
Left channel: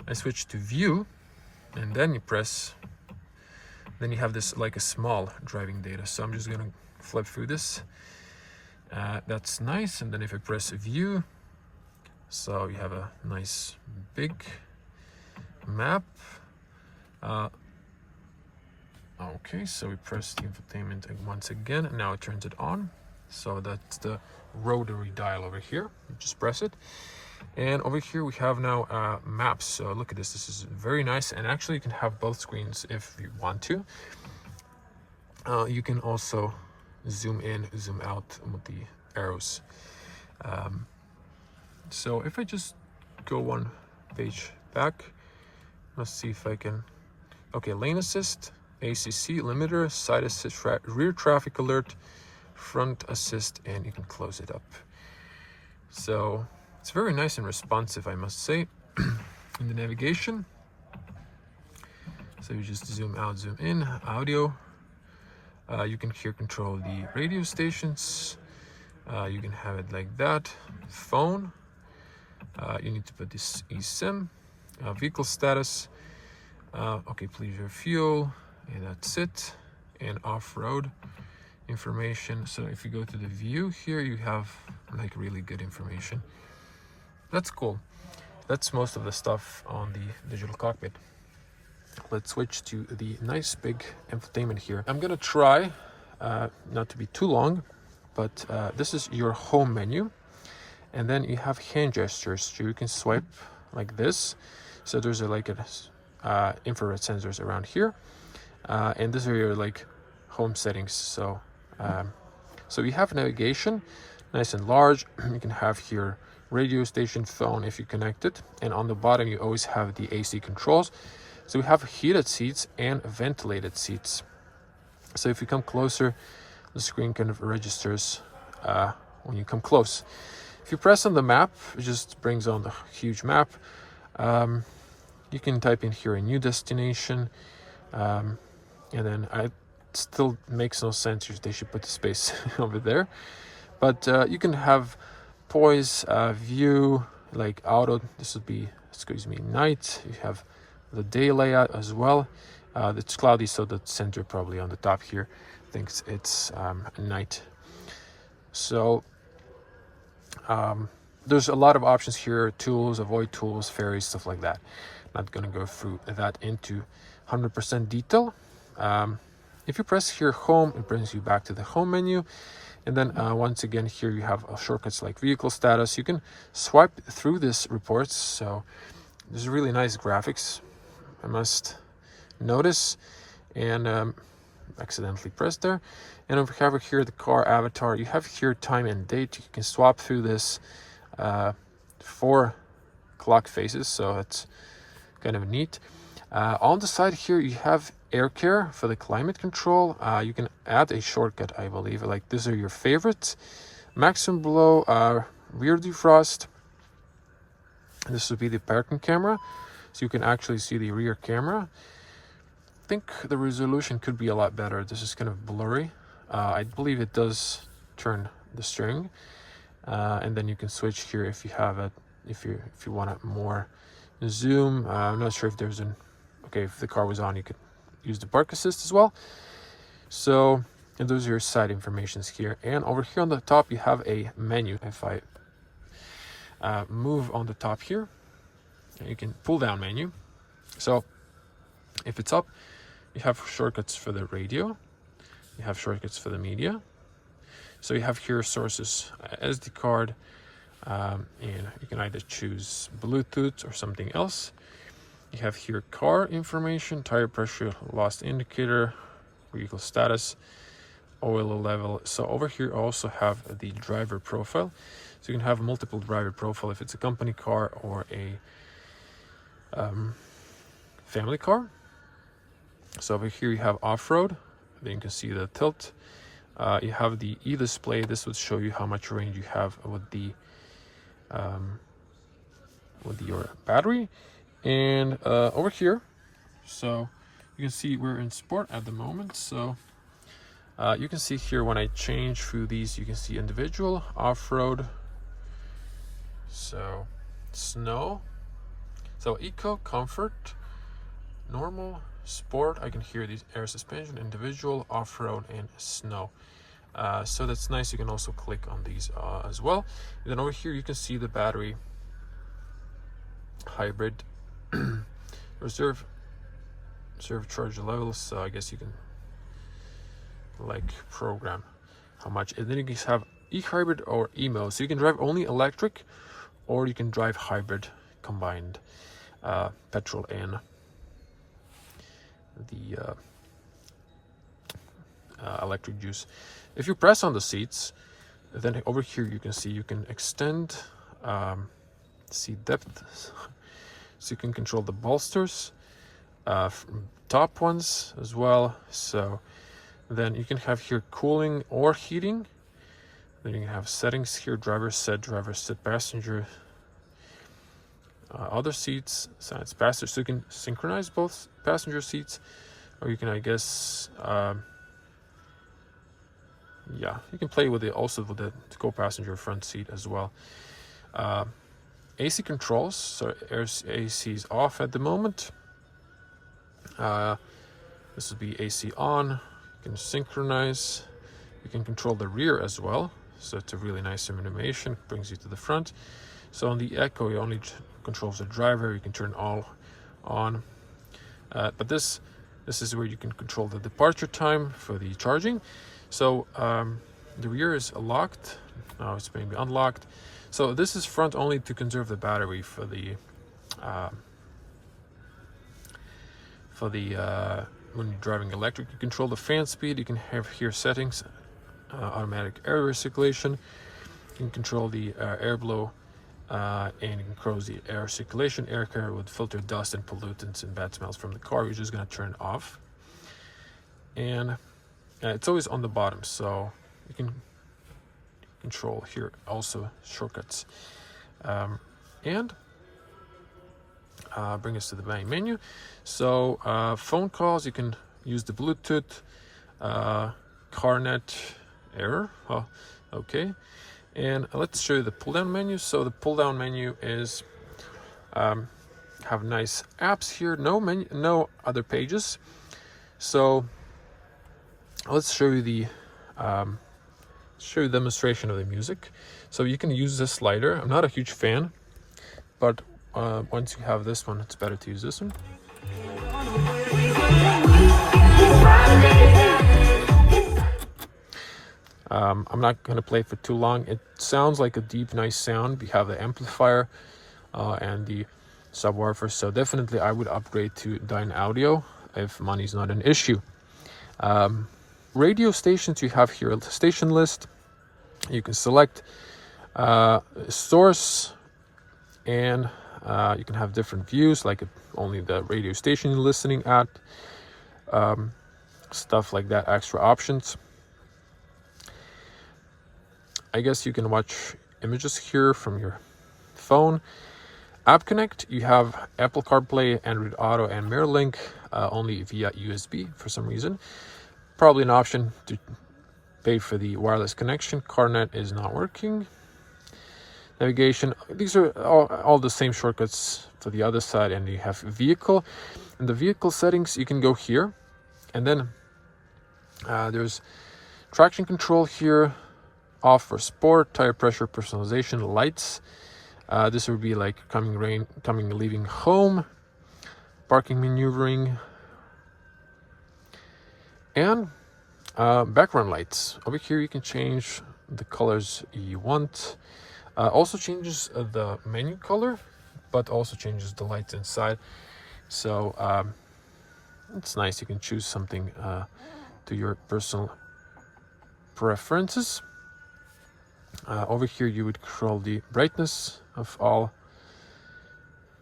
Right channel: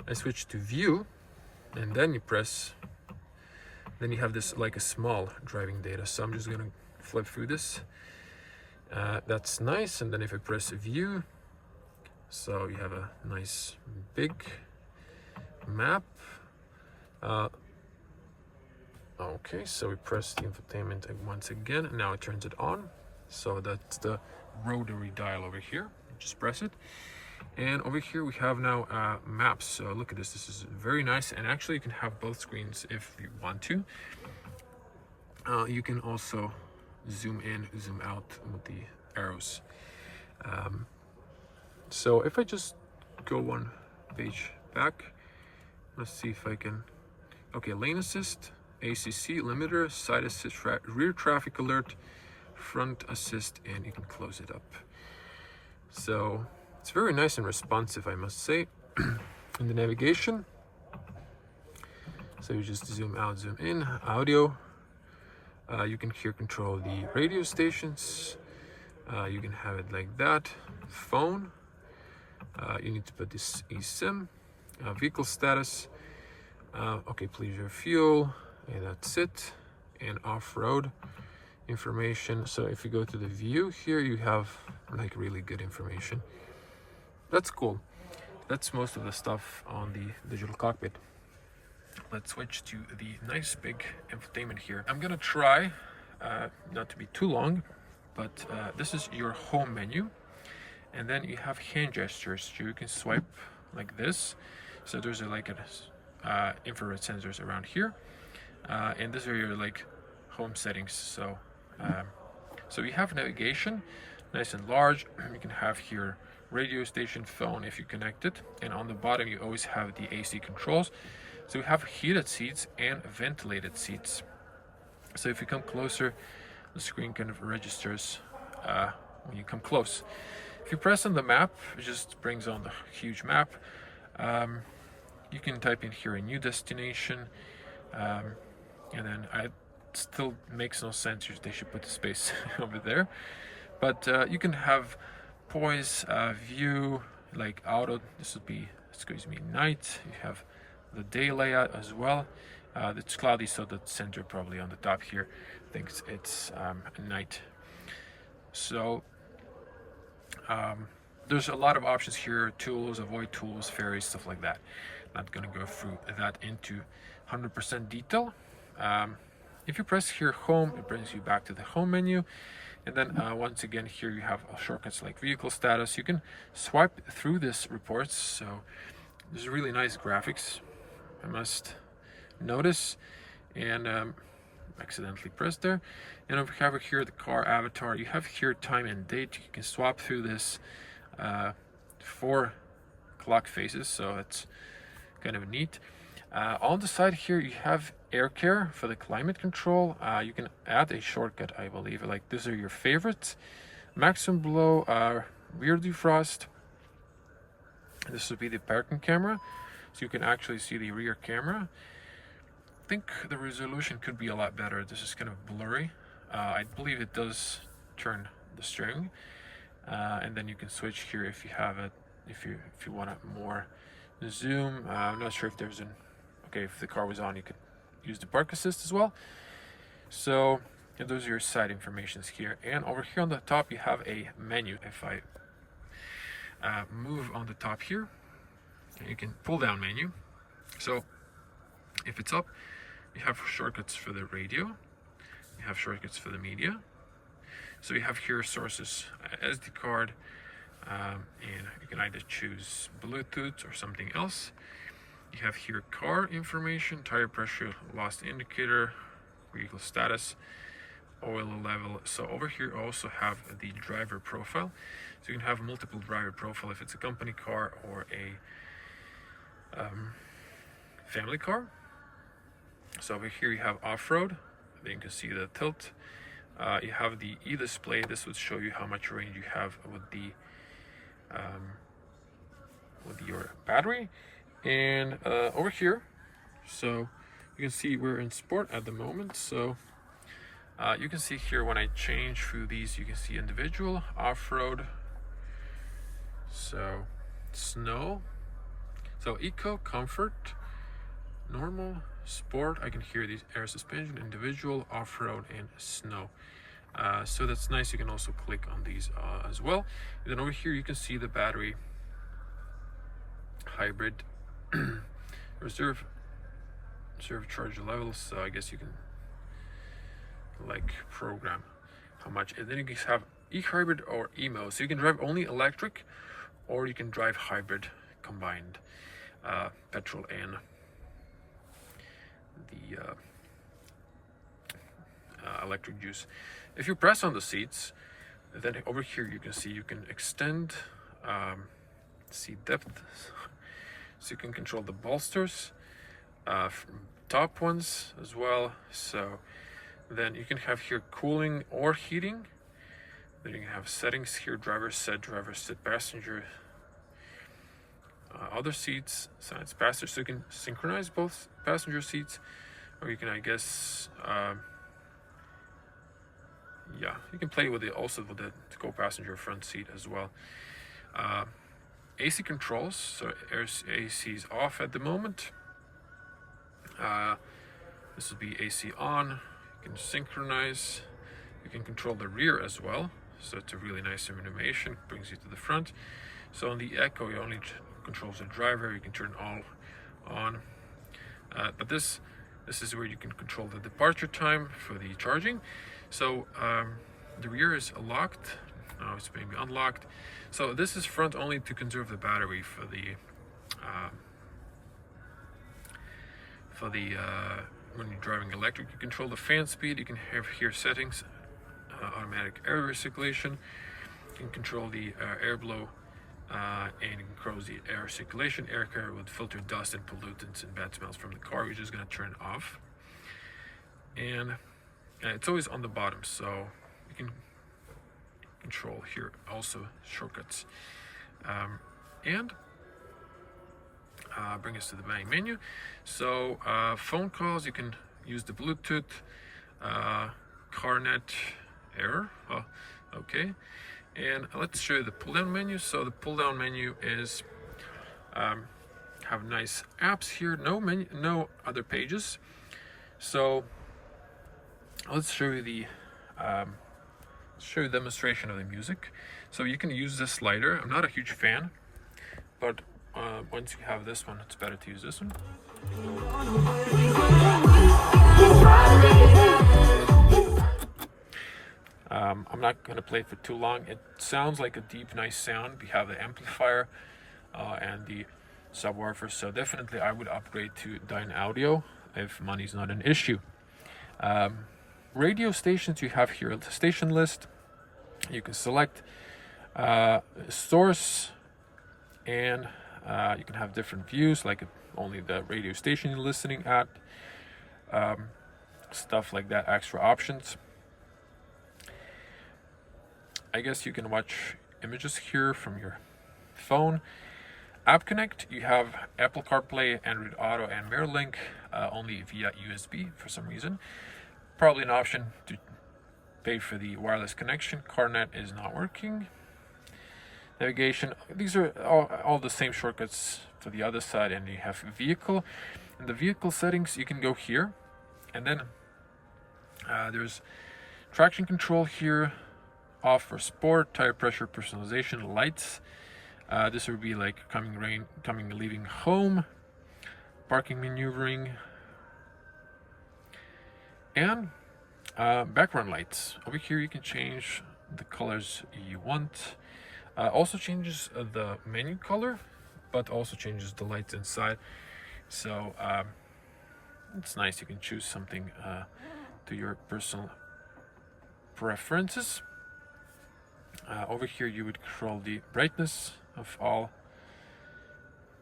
I switch to view, and then you press, then you have this like a small driving data. So I'm just gonna flip through this. That's nice. And then if I press view, so you have a nice big map. Okay, so we press the infotainment once again, and now it turns it on. So that's the rotary dial over here. You just press it, and over here we have now maps. So look at this. This is very nice, and actually you can have both screens if you want to. You can also zoom in, zoom out with the arrows. So if I just go one page back, let's see if I can. Okay, lane assist, ACC, limiter, side assist, rear traffic alert, front assist, and you can close it up. So it's very nice and responsive, I must say. In the navigation, so you just zoom out, zoom in. Audio, you can here control the radio stations. You can have it like that. Phone, you need to put this eSIM. Vehicle status, okay, please your fuel, And that's it. And off-road information. So if you go to the view here, you have like really good information. That's cool. That's most of the stuff on the digital cockpit. Let's switch to the nice big infotainment here. I'm gonna try not to be too long, but this is your home menu, and then you have hand gestures. So you can swipe like this. So there's like a infrared sensors around here, and these are your like home settings. So so you have navigation, nice and large. You can have here radio station, phone if you connect it, and on the bottom you always have the AC controls. So we have heated seats and ventilated seats. So if you come closer, the screen kind of registers when you come close. If you press on the map, it just brings on the huge map. You can type in here a new destination, and then it still makes no sense. They should put the space over there. But you can have poise, view, like auto. This would be, excuse me, night. You have the day layout as well. It's cloudy, so the center probably on the top here thinks it's night. So there's a lot of options here: tools, avoid tools, ferries, stuff like that. Not gonna go through that into 100% detail. If you press here home, it brings you back to the home menu. And then once again here you have shortcuts like vehicle status. You can swipe through this reports, so there's really nice graphics, I must notice. And accidentally pressed there. And over here the car avatar, you have here time and date. You can swap through this 4 clock faces, so that's kind of neat. On the side here you have air care for the climate control. You can add a shortcut, I believe, like these are your favorites. Maximum blow, rear defrost. This would be the parking camera, so you can actually see the rear camera. I think the resolution could be a lot better. This is kind of blurry. I believe it does turn the steering, and then you can switch here if you have it, if you want it more zoom. I'm not sure if there's an if the car was on, you could use the park assist as well. So, and those are your side informations here. And over here on the top you have a menu. If I move on the top here, you can pull down menu. So if it's up, you have shortcuts for the radio, you have shortcuts for the media. So you have here sources, SD card, and you can either choose Bluetooth or something else. You have here car information, tire pressure, lost indicator, vehicle status, oil level. So over here I also have the driver profile. So you can have multiple driver profile if it's a company car or a family car. So over here you have off-road. Then you can see the tilt. You have the e-display. This would show you how much range you have with your battery. And over here, so you can see we're in sport at the moment. So you can see here when I change through these, you can see individual, off-road, so snow, so eco, comfort, normal, sport. I can hear these air suspension, individual, off-road, and snow. So that's nice. You can also click on these as well. And then over here you can see the battery, hybrid, reserve charge levels. So I guess you can like program how much. And then you can have eHybrid or eMo. So you can drive only electric, or you can drive hybrid combined, petrol and the electric juice. If you press on the seats, then over here you can see you can extend seat depth, so you can control the bolsters, top ones as well. So then you can have here cooling or heating. Then you can have settings here: driver sit, passenger, other seats, sides, passenger. So you can synchronize both passenger seats, or you can, I guess, yeah, you can play with it also with the co-passenger front seat as well. AC controls, so AC is off at the moment. This will be AC on. You can synchronize. You can control the rear as well. So it's a really nice animation, brings you to the front. So on the Echo, you only controls the driver. You can turn all on. But this is where you can control the departure time for the charging. So the rear is locked. Now it's maybe unlocked. So this is front only to conserve the battery for the when you're driving electric. You control the fan speed. You can have here settings, automatic air recirculation. You can control the airflow, and you can control the air circulation. Air care would filter dust and pollutants and bad smells from the car. You're just going to turn it off, and it's always on the bottom, so you can control here also shortcuts, and bring us to the main menu. So phone calls, you can use the Bluetooth, CarNet error. Oh, okay. And let's show you the pull down menu. So the pull down menu is have nice apps here, no other pages. So let's show you the demonstration of the music. So you can use this slider. I'm not a huge fan, but once you have this one, it's better to use this one. I'm not going to play it for too long. It sounds like a deep, nice sound. We have the amplifier and the subwoofer, so definitely I would upgrade to Dyne Audio if money's not an issue. Radio stations, you have here a station list. You can select source, and you can have different views, like only the radio station you're listening at, stuff like that, extra options. I guess you can watch images here from your phone. App Connect, you have Apple CarPlay, Android Auto, and MirrorLink, only via USB for some reason. Probably an option to pay for the wireless connection. CarNet is not working. Navigation, these are all the same shortcuts for the other side. And you have vehicle. In the vehicle settings, you can go here, and then there's traction control here, off for sport, tire pressure personalization, lights. This would be like coming, leaving home, parking maneuvering, and background lights. Over here you can change the colors you want. Also changes the menu color, but also changes the lights inside. So it's nice. You can choose something to your personal preferences. Over here you would control the brightness of all,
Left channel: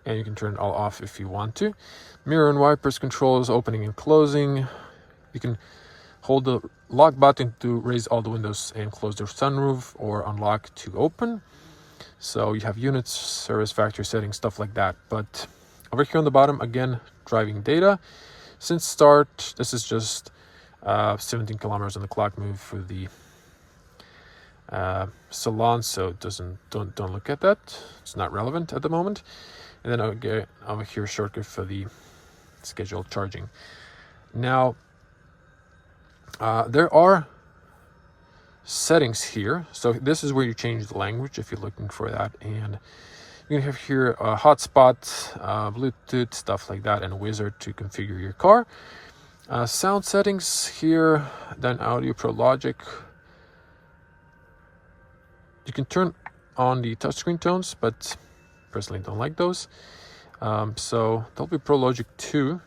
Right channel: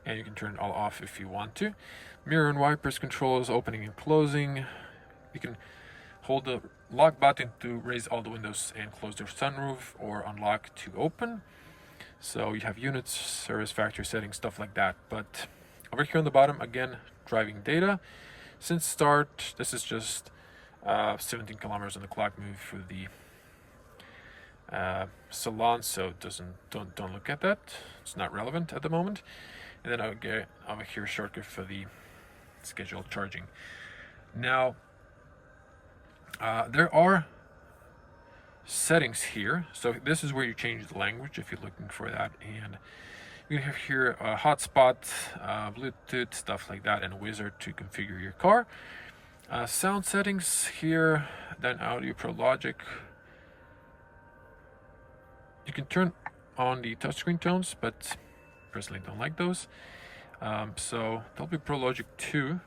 and you can turn it all off if you want to. Mirror and wipers controls opening and closing. You can hold the lock button to raise all the windows and close the sunroof, or unlock to open. So you have units, service factory settings, stuff like that. But over here on the bottom, again, driving data. Since start, this is just 17 kilometers on the clock move for the salon, so don't look at that. It's not relevant at the moment. And then I'll get over here shortcut for the scheduled charging. Now there are settings here, so this is where you change the language if you're looking for that, and you can have here a hotspot, Bluetooth, stuff like that, and a wizard to configure your car. Sound settings here, then Audio Pro Logic. You can turn on the touchscreen tones, but personally don't like those. So Dolby Pro Logic 2.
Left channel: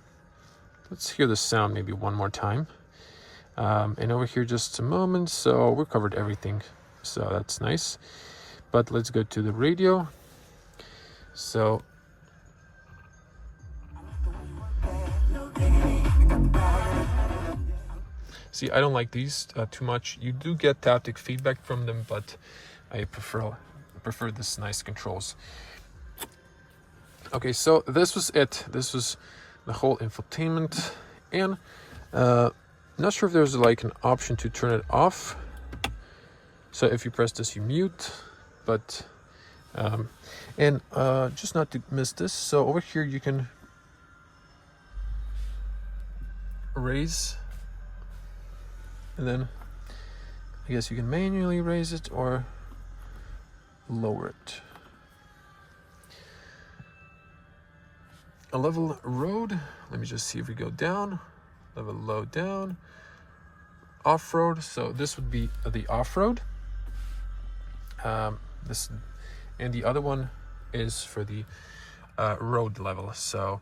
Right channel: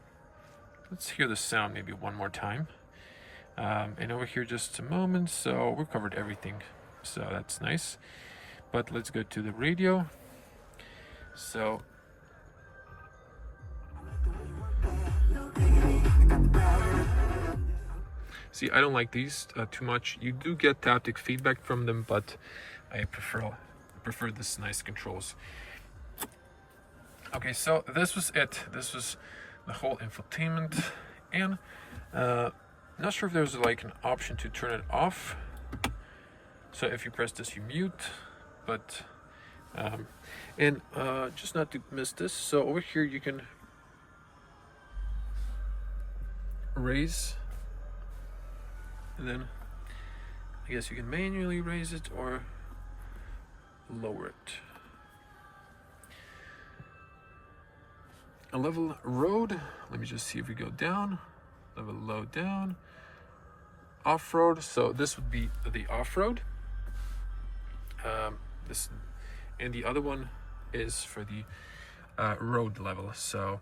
Let's hear the sound maybe one more time. And over here just a moment. So we covered everything, so that's nice. But let's go to the radio. So see, I don't like these too much. You do get haptic feedback from them, but I prefer this nice controls. Okay, so this was it. This was the whole infotainment, and not sure if there's like an option to turn it off. So if you press this, you mute, but just not to miss this. So over here you can raise, and then I guess you can manually raise it or lower it. A level road, let me just see if we go down, level low down, off-road, so this would be the off-road. This, and the other one is for the road level. So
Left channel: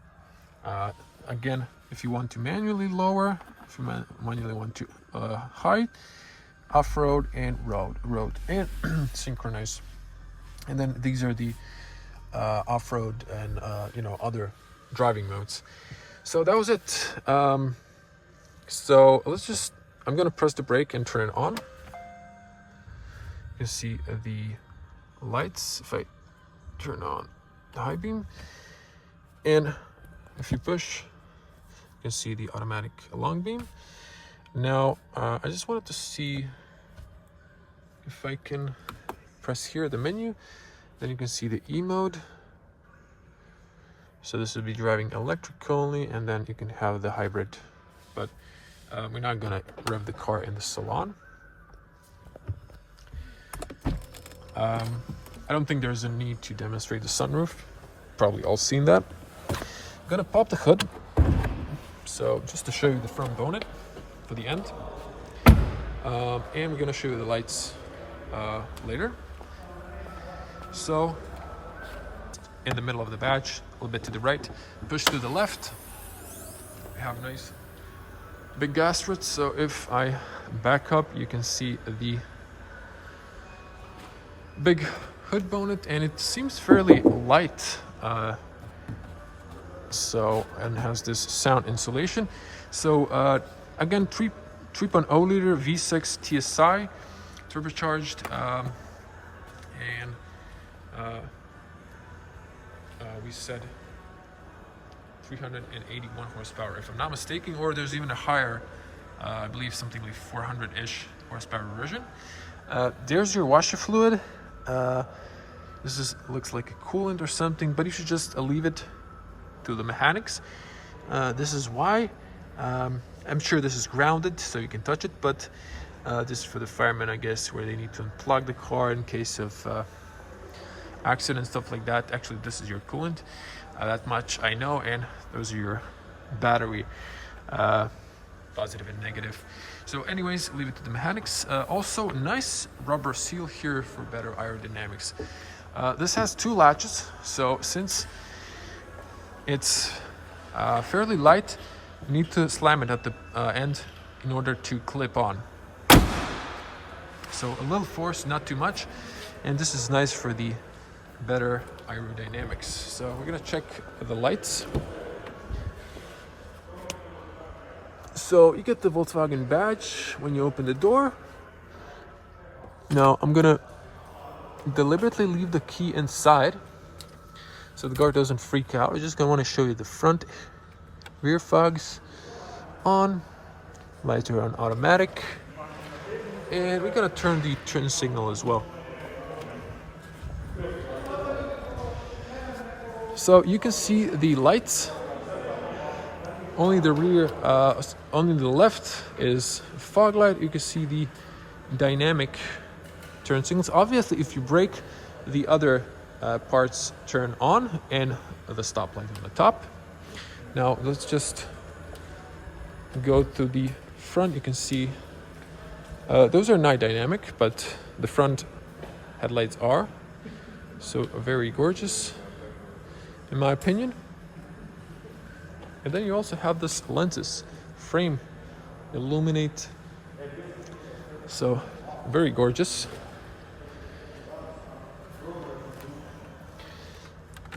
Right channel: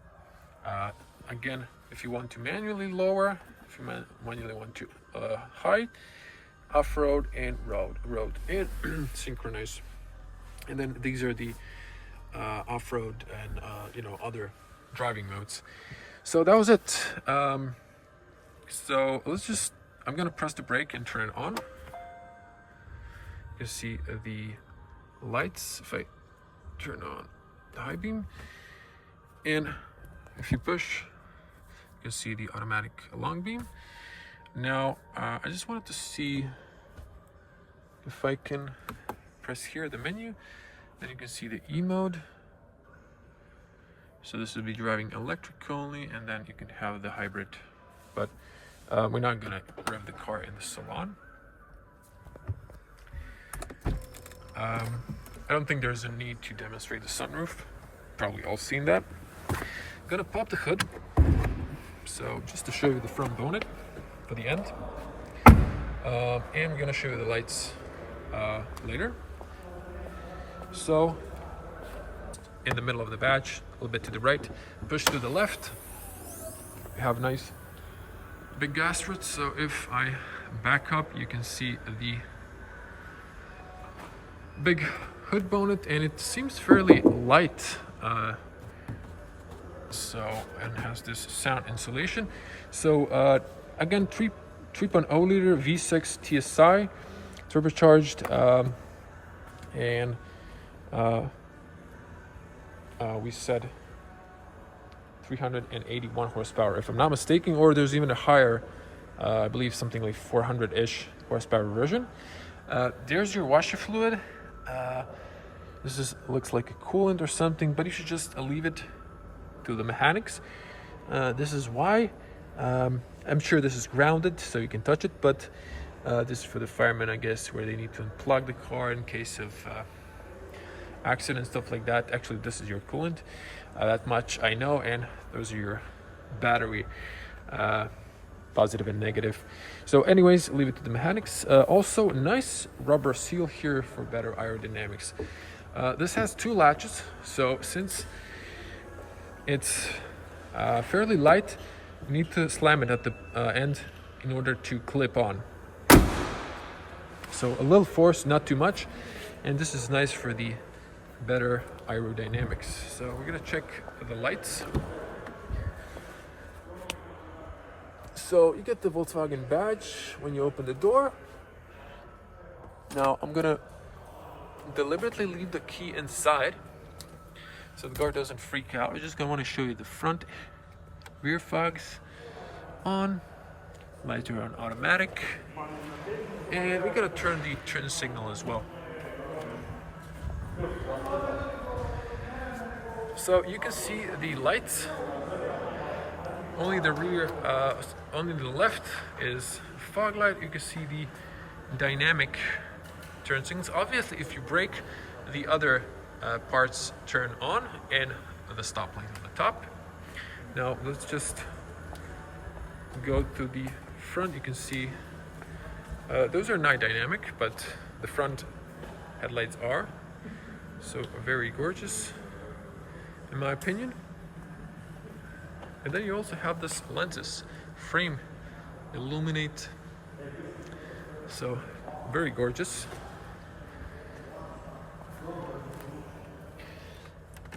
again, if you want to manually lower, if you manually want to high, off-road and road and synchronize. And then these are the off-road and you know, other driving modes. So that was it. So let's just, I'm gonna press the brake and turn it on. You can see the lights if I turn on the high beam, and if you push, you can see the automatic long beam. Now I just wanted to see if I can press here the menu, then you can see the E mode. So this would be driving electric only, and then you can have the hybrid, but we're not gonna rev the car in the salon. I don't think there's a need to demonstrate the sunroof. Probably all seen that. I'm gonna pop the hood. So just to show you the front bonnet for the end. And we're gonna show you the lights later. So in the middle of the badge, a little bit to the right, push to the left. We have nice big gas struts. So if I back up, you can see the big hood bonnet, and it seems fairly light. So, and has this sound insulation. So again, 3.0 liter V6 TSI, turbocharged, and we said 381 horsepower, if I'm not mistaken, or there's even a higher, I believe something like 400-ish horsepower version. There's your washer fluid. This looks like a coolant or something, but you should just leave it to the mechanics. This is why. I'm sure this is grounded, so you can touch it, but this is for the firemen, I guess, where they need to unplug the car in case of accident, stuff like that. Actually, this is your coolant. That much I know, and those are your battery, positive and negative. So anyways, leave it to the mechanics. Also, nice rubber seal here for better aerodynamics. This has two latches, so since it's fairly light, you need to slam it at the end in order to clip on. So a little force, not too much, and this is nice for the better aerodynamics. So we're gonna check the lights. So you get the Volkswagen badge when you open the door. Now I'm gonna deliberately leave the key inside so the guard doesn't freak out. I'm just gonna want to show you the front rear fogs on, lights are on automatic, and we gotta turn the turn signal as well. So you can see the lights. Only the rear, only the left is fog light. You can see the dynamic turn signals. Obviously, if you brake, the other parts turn on, and the stoplight on the top. Now let's just go to the front. You can see those are not dynamic, but the front headlights are. So very gorgeous, in my opinion. And then you also have this lenses frame illuminate, so very gorgeous.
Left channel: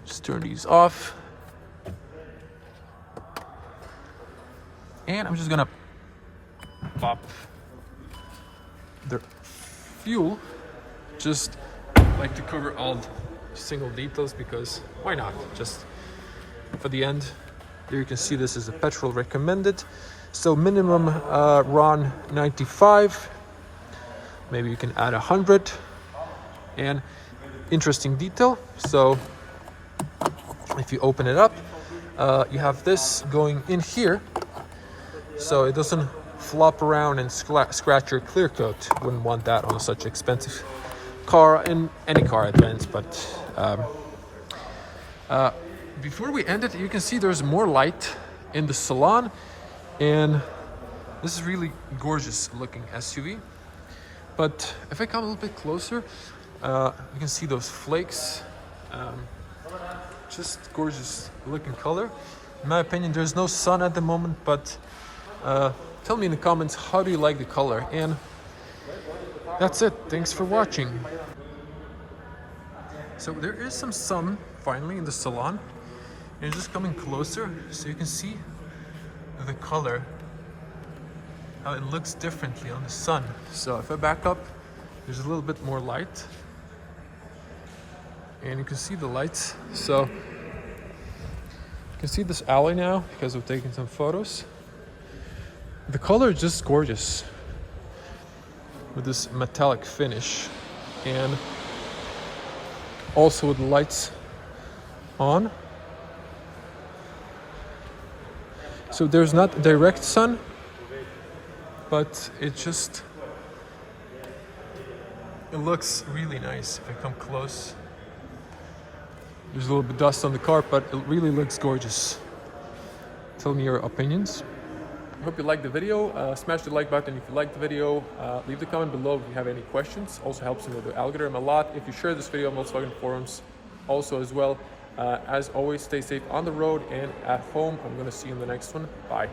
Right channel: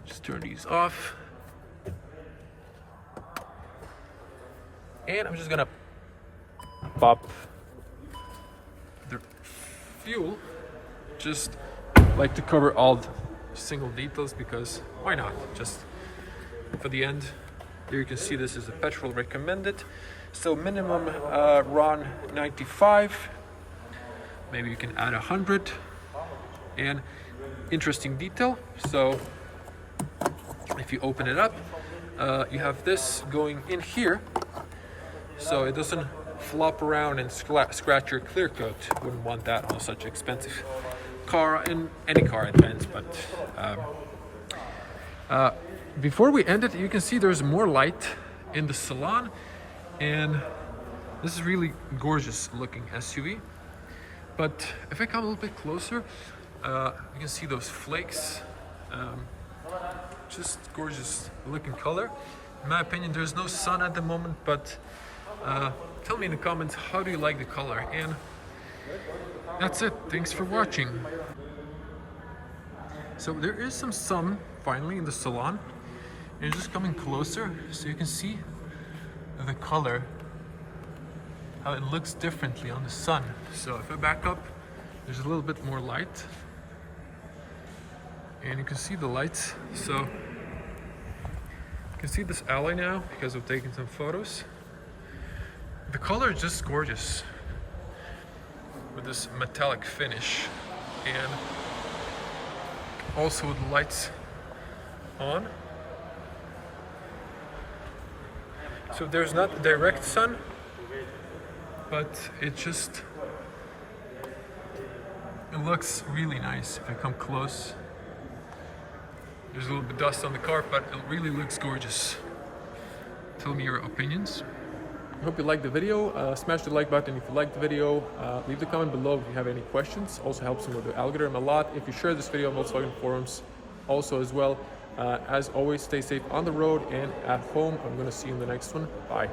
Just turn these off, and I'm just gonna pop the fuel, just like to cover all the single details, because why not, just for the end. There you can see this is a petrol recommended, so minimum RON 95, maybe you can add 100. And interesting detail, so if you open it up, you have this going in here, so it doesn't flop around and scratch your clear coat. Wouldn't want that on such expensive car, in any car advance. But before we end it, you can see there's more light in the salon, and this is really gorgeous looking SUV. But if I come a little bit closer, you can see those flakes. Just gorgeous looking color. In my opinion, there's no sun at the moment, but tell me in the comments, how do you like the color? And that's it. Thanks for watching. So there is some sun finally in the salon, and just coming closer so you can see the color, how it looks differently on the sun. So if I back up, there's a little bit more light, and you can see the lights. So you can see this alley now because of taking some photos. The color is just gorgeous with this metallic finish, and also with the lights on. So there's not direct sun, but it looks really nice. If I come close, there's a little bit of dust on the car, but it really looks gorgeous. Tell me your opinions. I hope you liked the video. Smash the like button if you liked the video. Leave the comment below if you have any questions. Also helps me with the algorithm a lot if you share this video on Volkswagen forums also as well. As always, stay safe on the road and at home. I'm going to see you in the next one. Bye.